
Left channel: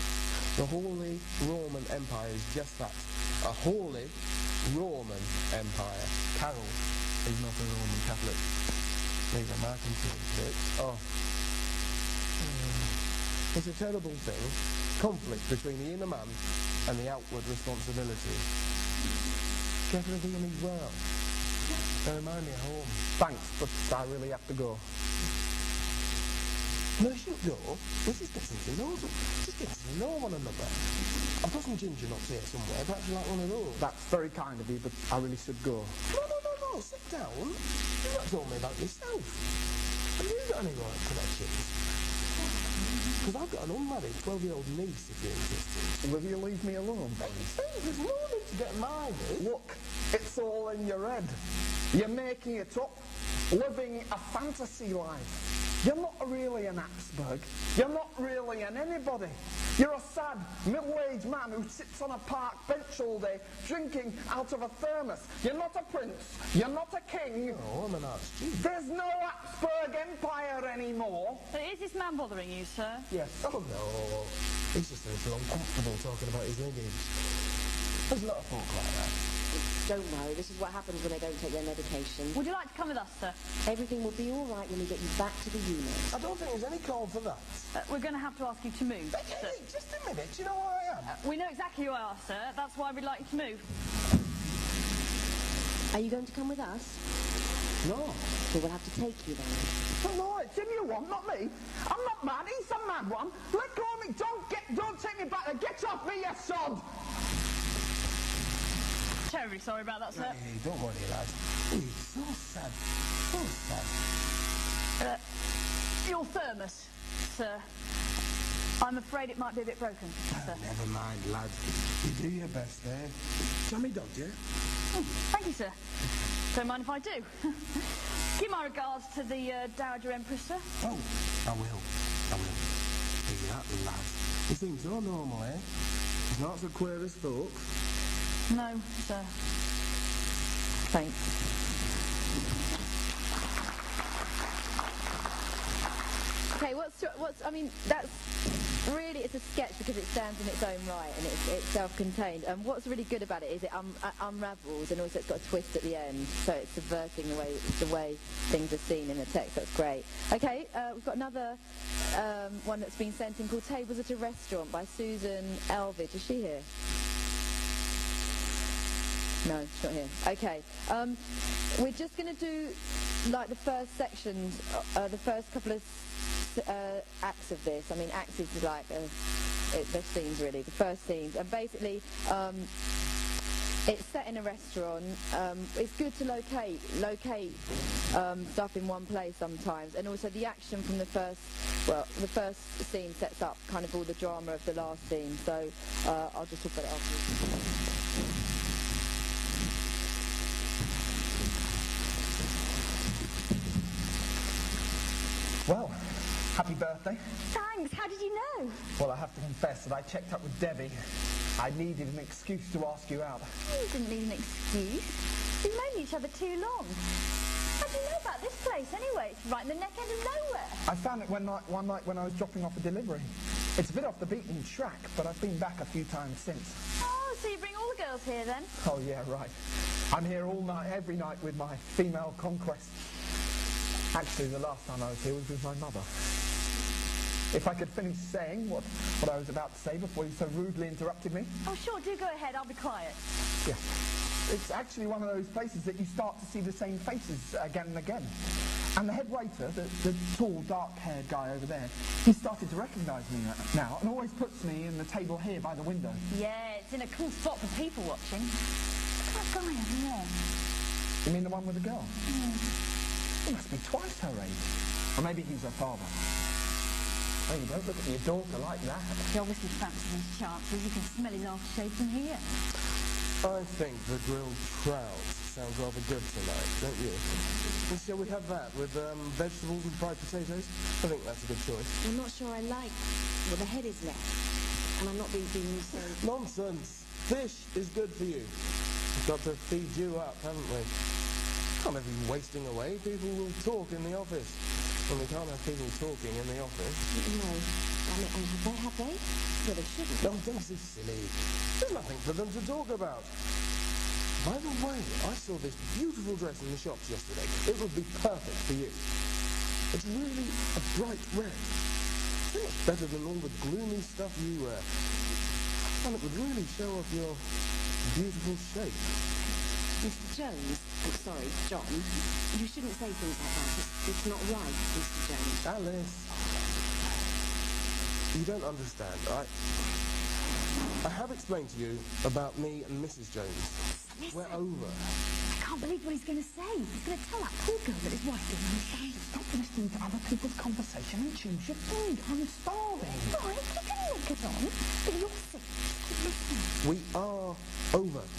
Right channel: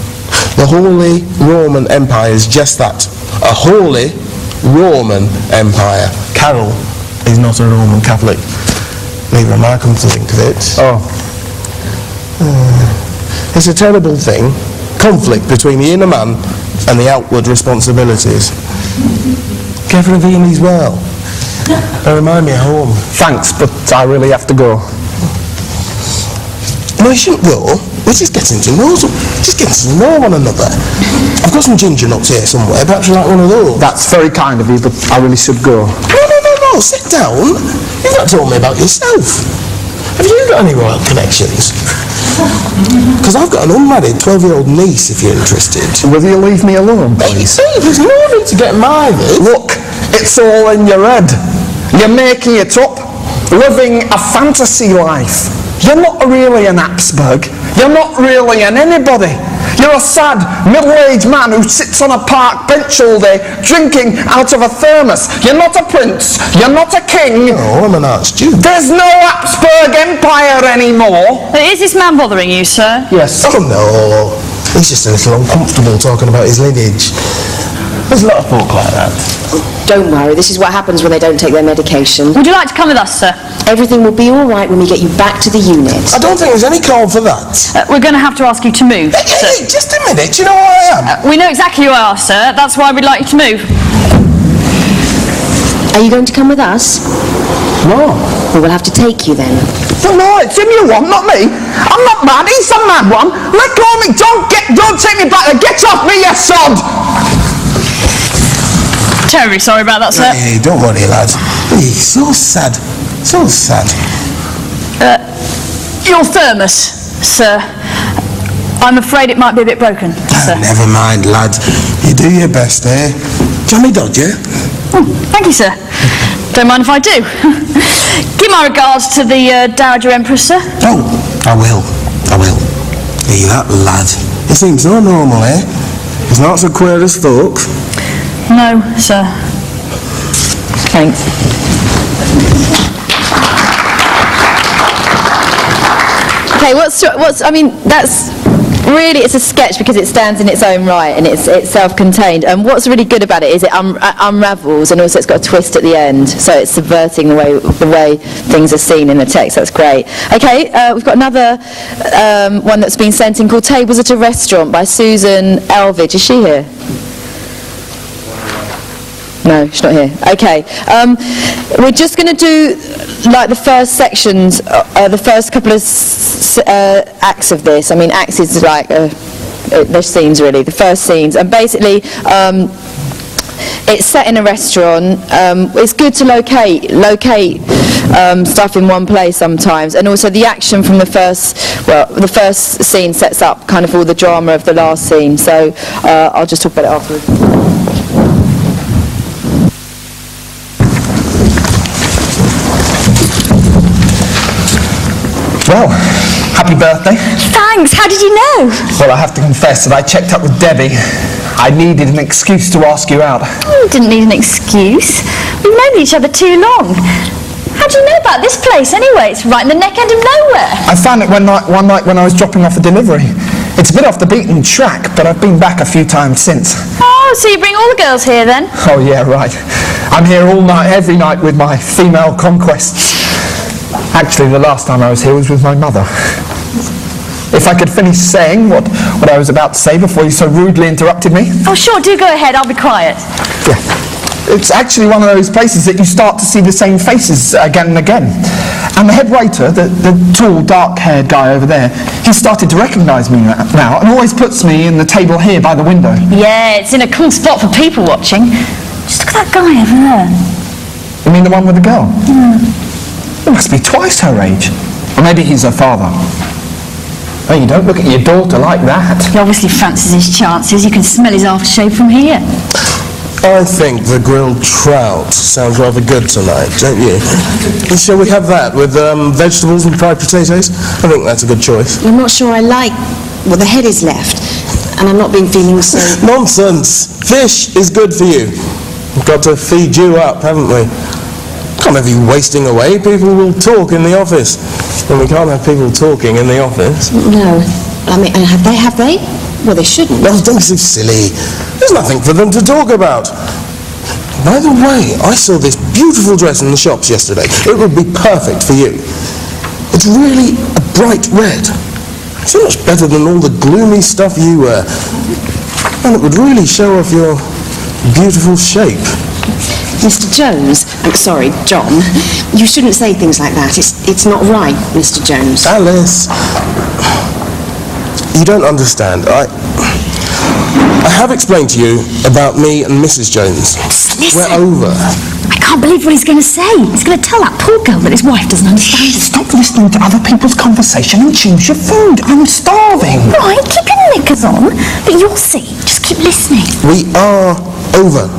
The Holy Roman Empire is just that, a Holy Roman Empire. Carol is not a Roman Catholic. Neither am I, come to think of it. Oh. It's a terrible thing, conflict between the inner man and the outward responsibilities. Kevin Spacey's well. They remind me of home. Thanks, but I really have to go. No, you shouldn't go. We're just getting to know one another. I've got some ginger nuts here somewhere. Perhaps you like one of those. That's very kind of you, but I really should go. No, sit down. You've not told me about yourself. Have you got any royal connections? Because I've got an unmarried 12-year-old niece, if you're interested. Will you leave me alone, please? Hey, there's no need to get married. Look, it's all in your head. You're making it up, living a fantasy life. You're not really an Habsburg. You're not really an anybody. You're a sad, middle-aged man who sits on a park bench all day, drinking out of a thermos. You're not a prince. You're not a king. No, I'm an archduke. There's no Habsburg Empire anymore. Is this man bothering you, sir? Yes. Oh, no. He's just a little uncomfortable talking about his lineage. There's a lot of folk like that. Don't worry, this is what happens when they don't take their medication. Would you like to come with us, sir? Everything will be all right when we get you back to the unit. I don't think there's any call for that. We're going to have to ask you to move, sir. Hey, just a minute. You know who I am? We know exactly who you are, sir. That's why we'd like you to move. Are you going to come with us? No. Well, we'll have to take you then. No, it's him you want, not me. I'm not mad. He's a mad one. Let go of me. Don't take me back there. Get off me, you sod. Terribly sorry about that, sir. Hey, don't worry, lad. He's so sad. So sad. Your thermos, sir. I'm afraid it might be a bit broken, sir. Never mind, lad. You do your best, eh? Johnny Dodger? Thank you, sir. Don't mind if I do. Give my regards to the Dowager Empress, sir. Oh, I will. Hey, that lad. He seems so normal, eh? He's not so queer as folk. No, sir. Thanks. Okay, I mean, that's really, it's a sketch because it stands in its own right and it's self-contained. And what's really good about it is it unravels, and also it's got a twist at the end, so it's subverting the way things are seen in the text. That's great. Okay, we've got another one that's been sent in called Tables at a Restaurant by Susan Elvidge. Is she here? No, she's not here. Okay. We're just going to do like the first sections, the first couple of acts of this. I mean, acts is like they're scenes really. The first scenes, and basically it's set in a restaurant. It's good to locate stuff in one place sometimes, and also the action from the first scene sets up kind of all the drama of the last scene. So I'll just talk about it afterwards. Well, happy birthday. Thanks. How did you know? Well, I have to confess that I checked up with Debbie. I needed an excuse to ask you out. You didn't need an excuse. We've known each other too long. How do you know about this place anyway? It's right in the neck end of nowhere. I found it one night when I was dropping off a delivery. It's a bit off the beaten track, but I've been back a few times since. Oh, so you bring all the girls here then? Oh yeah, right. I'm here all night, every night with my female conquests. Actually, the last time I was here was with my mother. If I could finish saying what I was about to say before you so rudely interrupted me. Oh, sure, do go ahead. I'll be quiet. Yeah. It's actually one of those places that you start to see the same faces again and again. And the head waiter, the tall, dark-haired guy over there, he started to recognise me now and always puts me in the table here by the window. Yeah, it's in a cool spot for people watching. Just look at that guy over there. You mean the one with the girl? He must be twice her age. Or maybe he's her father. Oh, you don't look at your daughter like that. He obviously fancies his chances. You can smell his aftershave from here. I think the grilled trout sounds rather good tonight, don't you? Shall we have that with vegetables and fried potatoes? I think that's a good choice. I'm not sure I like what the head is left, and I'm not feeling so... Nonsense! Fish is good for you. We've got to feed you up, haven't we? Can't have you wasting away. People will talk in the office. And we can't have people talking in the office. No. I mean, have they? Well, they shouldn't. No, don't be so silly. There's nothing for them to talk about. By the way, I saw this beautiful dress in the shops yesterday. It would be perfect for you. It's really a bright red. So much better than all the gloomy stuff you wear. And it would really show off your beautiful shape. Mr. Jones, I'm sorry, John, you shouldn't say things like that. It's not right, Mr. Jones. Alice, you don't understand. I have explained to you about me and Mrs. Jones. Listen. We're over. I can't believe what he's going to say. He's going to tell that poor girl that his wife doesn't understand him. Stop listening to other people's conversation and choose your food. I'm starving. Right, keep your knickers on, but you'll see. Just keep listening. We are over.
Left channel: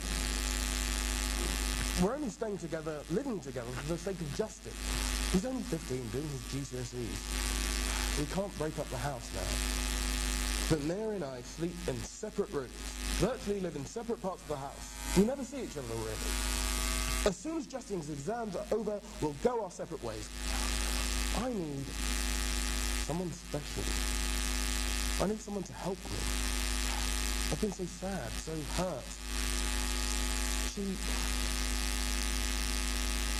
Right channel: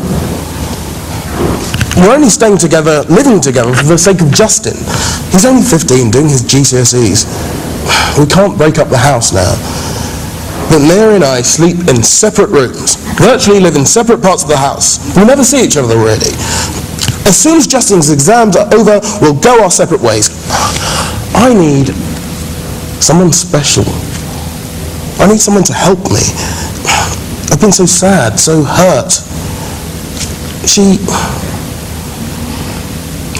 We're only staying together, living together for the sake of Justin. He's only 15, doing his GCSEs. We can't break up the house now. But Mary and I sleep in separate rooms, virtually live in separate parts of the house. We never see each other really. As soon as Justin's exams are over, we'll go our separate ways. I need someone special. I need someone to help me. I've been so sad, so hurt.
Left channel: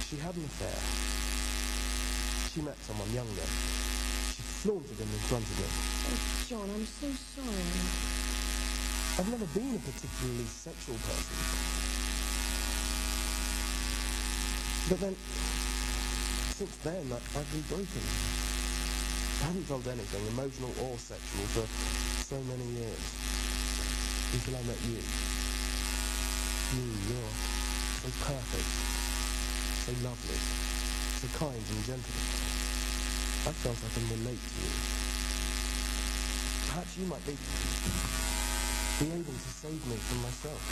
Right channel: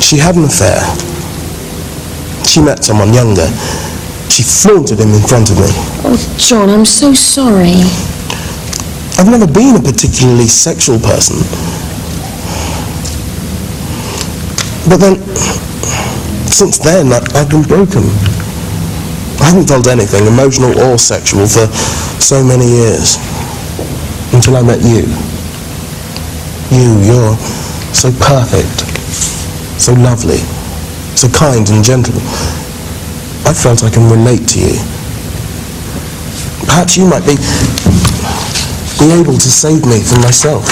She had an affair. She met someone younger. She flaunted him in front of me. Oh, John, I'm so sorry. I've never been a particularly sexual person. But then, since then, I've been broken. I haven't felt anything, emotional or sexual, for so many years. Until I met you. You're so perfect, so lovely, so kind and gentle. I felt I can relate to you. Perhaps you might be able to save me from myself.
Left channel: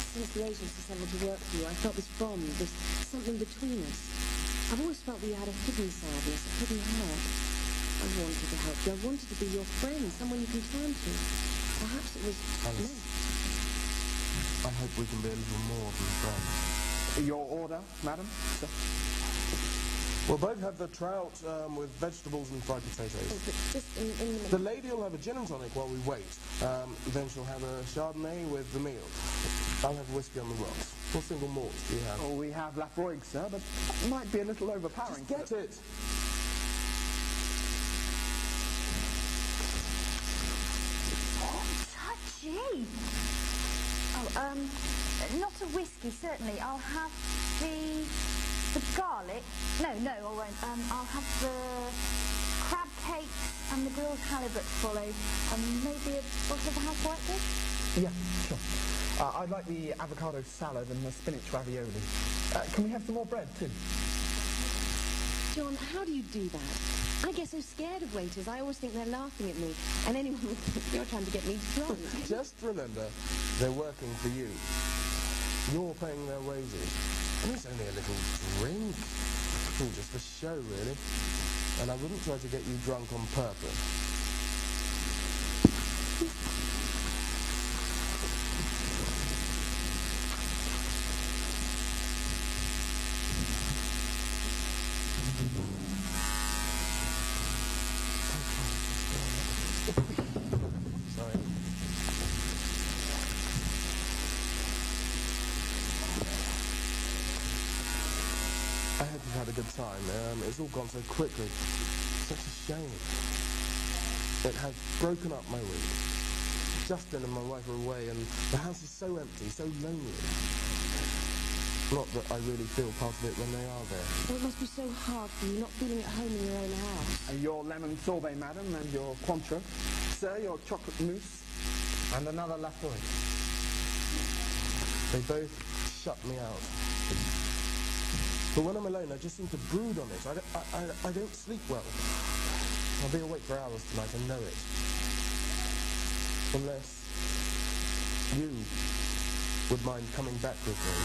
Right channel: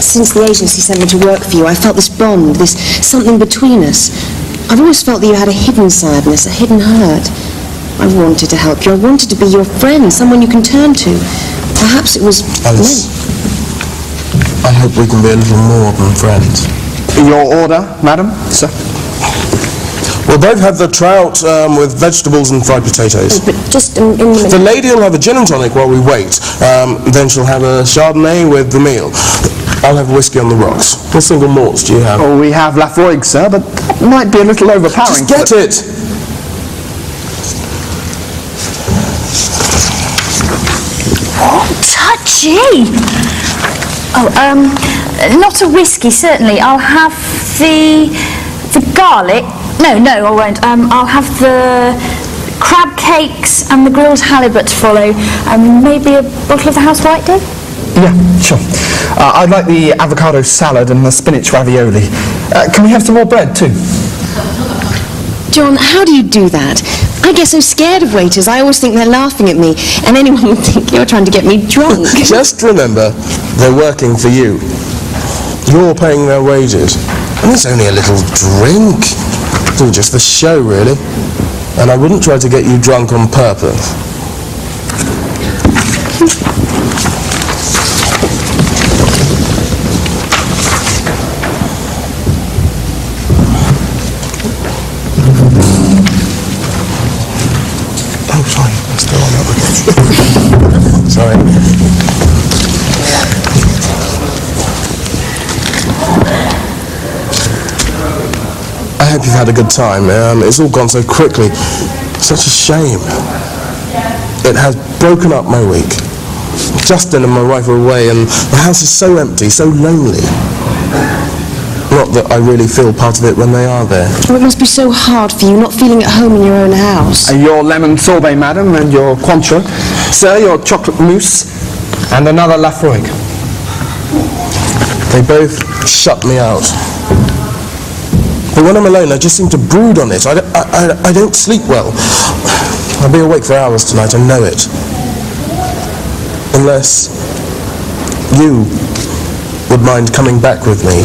Since the agency sent me to work for you, I felt this bond, this something between us. I've always felt that you had a hidden sadness, a hidden hurt. I wanted to help you. I wanted to be your friend, someone you can turn to. Perhaps it was... Alice, I hope we can be a little more than friends. Your order, madam? Sir? We'll both have the trout with vegetables and fried potatoes. But just in the minute. The lady will have a gin and tonic while we wait. Then she'll have a Chardonnay with the meal. I'll have whiskey on the rocks. What single malts do you have? Oh, we have Lafroig, sir, but that might be a little overpowering. Just get it! Touchy! Oh, not a whiskey, certainly. I'll have the garlic. No, I won't. I'll have the crab cakes and the grilled halibut to follow. Maybe a bottle of the house white day? Yeah, sure. I'd like the avocado salad and the spinach ravioli. Can we have some more bread, too? John, how do you do that? I get so scared of waiters. I always think they're laughing at me, and anyone would think you're trying to get me drunk. Just remember, they're working for you. You're paying their wages. And it's only a little drink. It's all just for show, really. And I wouldn't try to get you drunk on purpose. Oh, sorry. I'm still on that one. Sorry. I hope you've had a good time. It's all gone so quickly. Such a shame. It has broken up my week. Justin and my wife are away and the house is so empty, so lonely. Not that I really feel part of it when they are there. Oh, it must be so hard for you, not feeling at home in your own house. Your lemon sorbet, madam, and your Cointreau. Sir, your chocolate mousse, and another Lafroig. They both shut me out. But when I'm alone, I just seem to brood on it. I don't sleep well. I'll be awake for hours tonight, I know it. Unless you would mind coming back with me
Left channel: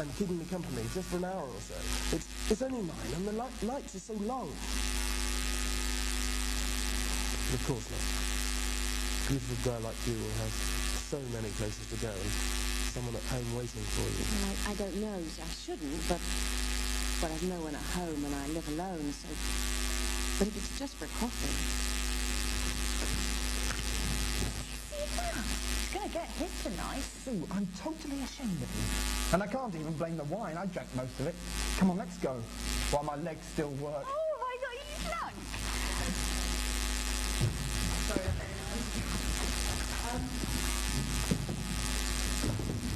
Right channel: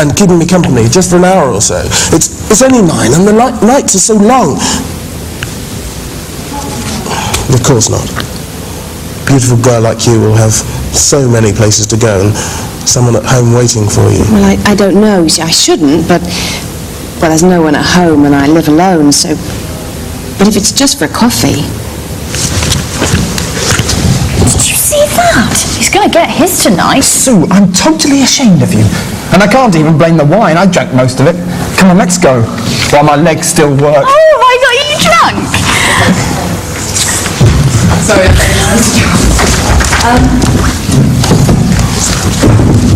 and keeping me company just for an hour or so. It's only 9 and the nights are so long. Of course not. A beautiful girl like you will have so many places to go and someone at home waiting for you. Well, I don't know. You see, I shouldn't, but... Well, there's no one at home and I live alone, so... But if it's just for coffee... Did you see that? He's going to get his tonight. Sue, I'm totally ashamed of you. And I can't even blame the wine. I drank most of it. Come on, let's go. While my legs still work. Oh, I got you drunk. Sorry.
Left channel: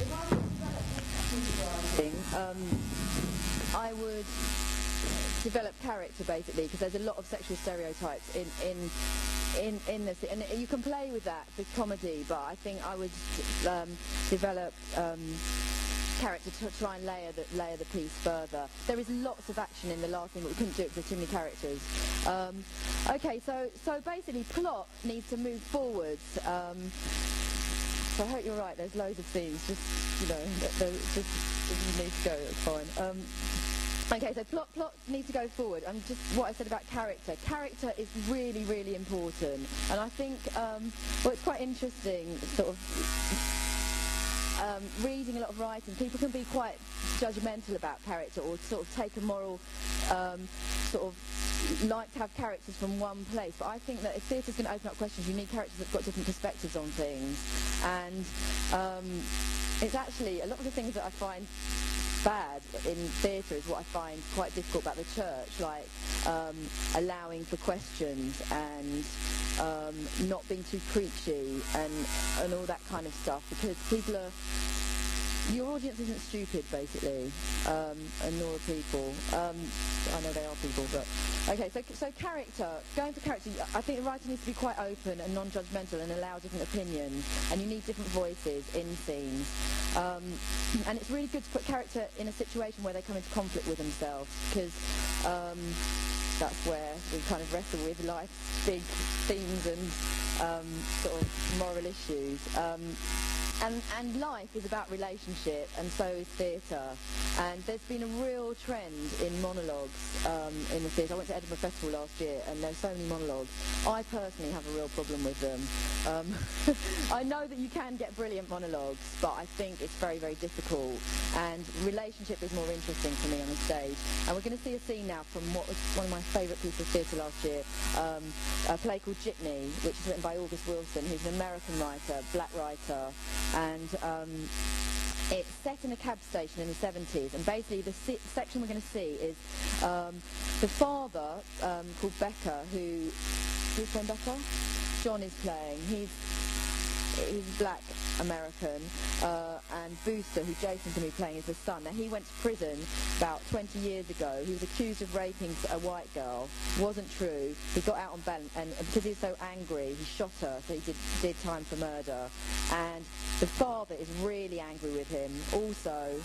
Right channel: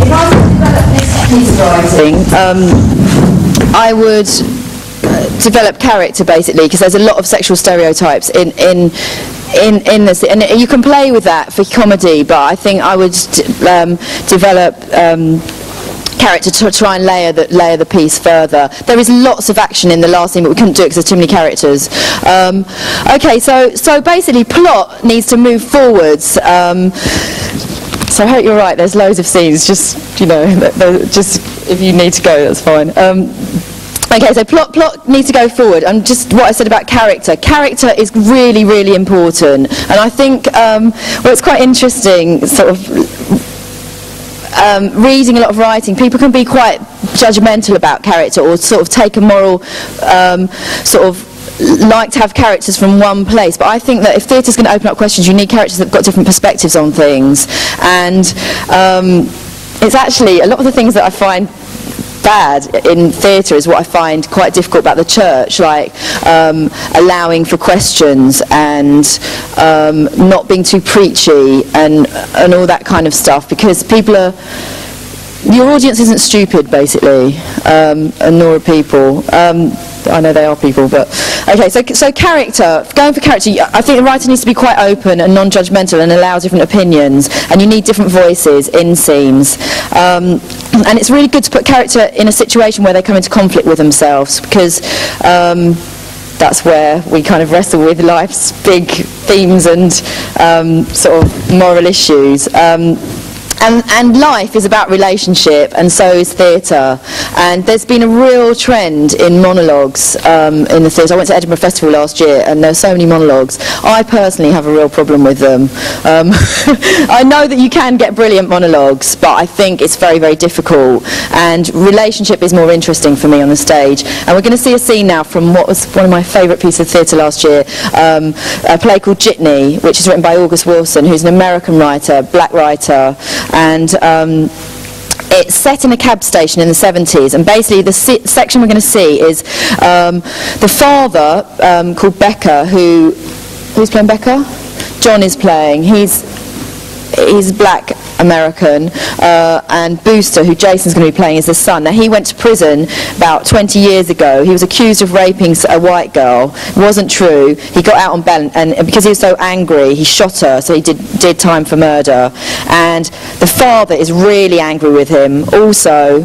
If I was to develop this piece of writing, I would develop character basically, because there's a lot of sexual stereotypes in this, and you can play with that for comedy, but I think I would develop character to try and layer the piece further. There is lots of action in the last scene, but we couldn't do it because there's too many characters. Okay, so basically plot needs to move forwards. So I hope you're right, there's loads of scenes, just, you know, just if you need to go, that's fine. Okay, so plot needs to go forward, and just what I said about character. Character is really, really important, and I think, well, it's quite interesting, sort of, reading a lot of writing, people can be quite judgmental about character, or sort of take a moral, sort of, like to have characters from one place, but I think that if theatre's going to open up questions, you need characters that have got different perspectives on things, and it's actually, a lot of the things that I find bad in theatre is what I find quite difficult about the church, like allowing for questions and not being too preachy and all that kind of stuff, because people are, your audience isn't stupid basically, and nor are people. I know they are people, but okay, so character, going for character, I think the writer needs to be quite open and non-judgmental and allow different opinions, and you need different voices in scenes, and it's really good to put character in a situation where they come into conflict with themselves, because that's where we kind of wrestle with life's big themes and sort of moral issues. And life is about relationship, and so is theatre. And there's been a real trend in monologues in the theatre. I went to Edinburgh Festival last year, and there were so many monologues. I personally have a real problem with them. I know that you can get brilliant monologues, but I think it's very, very difficult. And relationship is more interesting for me on the stage. And we're going to see a scene now from what was one of my favourite pieces of theatre last year, a play called Jitney, which is written by August Wilson, who's an American writer, black writer. And it's set in a cab station in the 70s, and basically the section we're going to see is the father called Becker, who's playing Becker? John is playing. He's black American, and Booster, who Jason's going to be playing, is the son. Now, he went to prison about 20 years ago. He was accused of raping a white girl. It wasn't true. He got out on bail, and because he was so angry, he shot her, so he did time for murder. And the father is really angry with him. Also,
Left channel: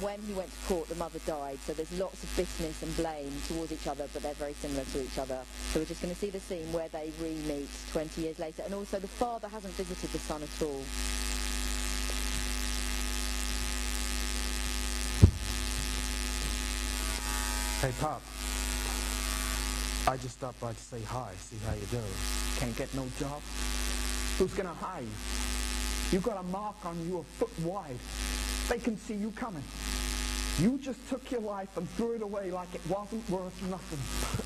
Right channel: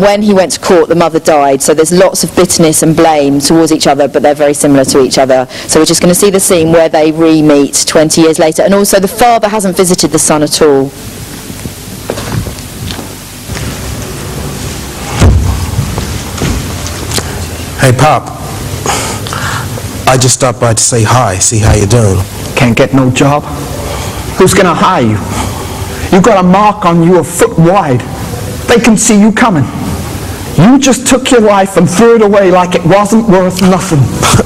when he went to court, the mother died, so there's lots of bitterness and blame towards each other, but they're very similar to each other. So we're just going to see the scene where they re-meet 20 years later. And also, the father hasn't visited the son at all. Hey, Pop. I just stopped by to say hi, see how you're doing. Can't get no job. Who's gonna hire you? You got a mark on you a foot wide. They can see you coming. You just took your life and threw it away like it wasn't worth nothing.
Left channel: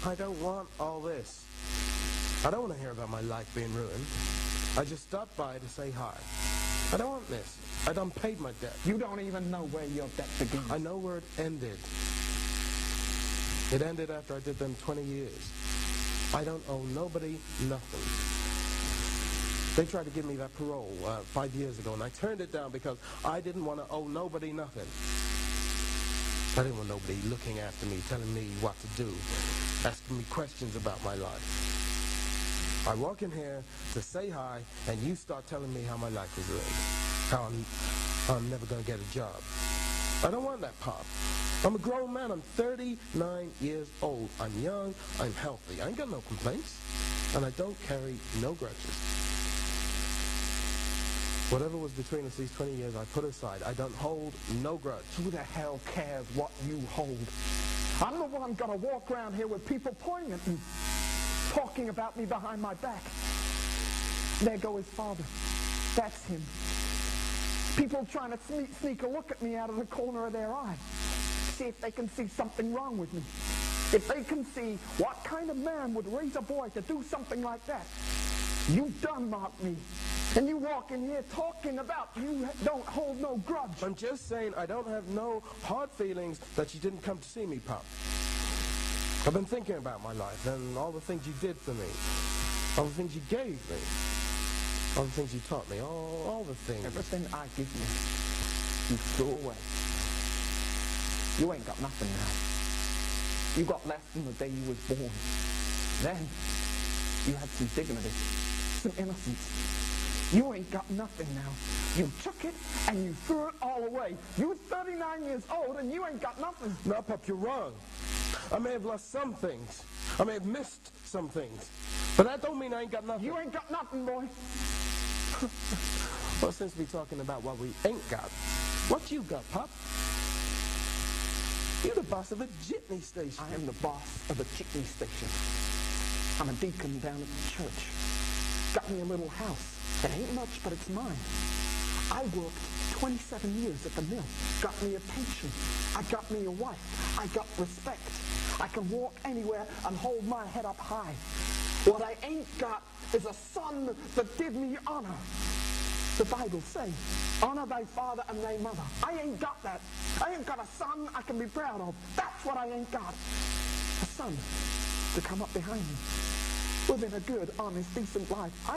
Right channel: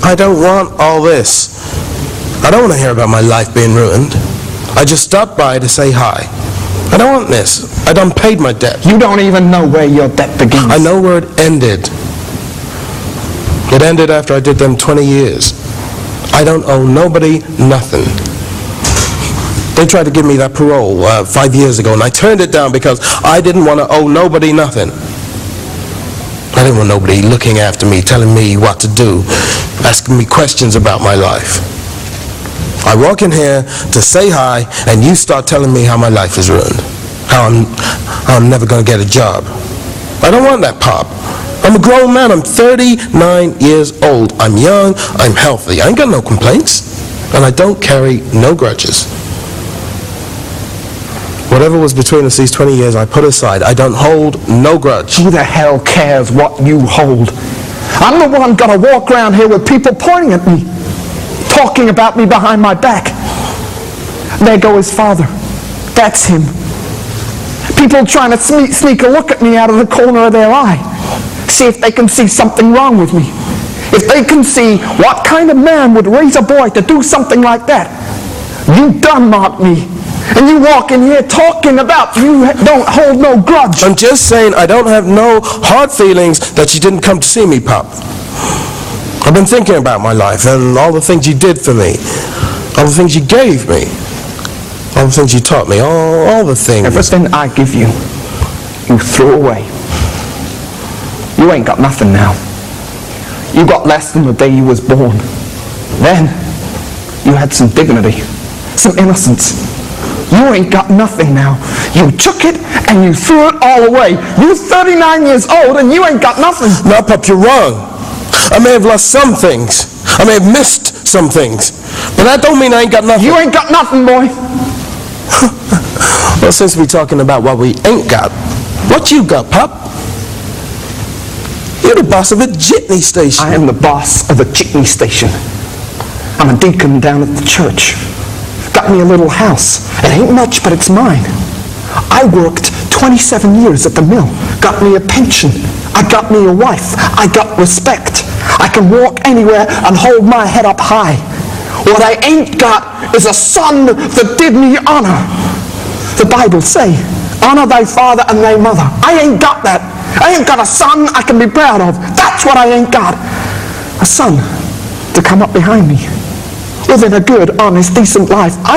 I don't want all this. I don't want to hear about my life being ruined. I just stopped by to say hi. I don't want this. I done paid my debt. You don't even know where your debt begins. I know where it ended. It ended after I did them 20 years. I don't owe nobody nothing. They tried to give me that parole 5 years ago, and I turned it down because I didn't want to owe nobody nothing. I didn't want nobody looking after me, telling me what to do, asking me questions about my life. I walk in here to say hi, and you start telling me how my life is ruined, how I'm never going to get a job. I don't want that, Pop. I'm a grown man. I'm 39 years old. I'm young. I'm healthy. I ain't got no complaints, and I don't carry no grudges. Whatever was between us these 20 years, I put aside. I don't hold no grudge. Who the hell cares what you hold? I'm the one gonna walk around here with people pointing at me, talking about me behind my back. There go his father. That's him. People trying to sneak a look at me out of the corner of their eye. See if they can see something wrong with me. If they can see what kind of man would raise a boy to do something like that. You done mocked me. And you walk in here talking about you don't hold no grudge. I'm just saying I don't have no hard feelings that you didn't come to see me, Pop. I've been thinking about my life and all the things you did for me, all the things you gave me, all the things you taught me, all the things. Everything I give you, you threw away. You ain't got nothing now. You got less than the day you was born. Then, you had some dignity, some innocence. You ain't got nothing now. You took it and you threw it all away. You're 39 years old and you ain't got nothing. No, Pop, you're wrong. I may have lost some things. I may have missed some things. But that don't mean I ain't got nothing. You ain't got nothing, boy. Well, since we're talking about what we ain't got, what you got, Pop? You're the boss of a jitney station. I am the boss of a jitney station. I'm a deacon down at the church. Got me a little house. It ain't much, but it's mine. I worked 27 years at the mill. Got me a pension. I got me a wife. I got respect. I can walk anywhere and hold my head up high. What I ain't got is a son that did me honor. The Bible say, honor thy father and thy mother. I ain't got that. I ain't got a son I can be proud of. That's what I ain't got. A son to come up behind me. Living a good, honest, decent life.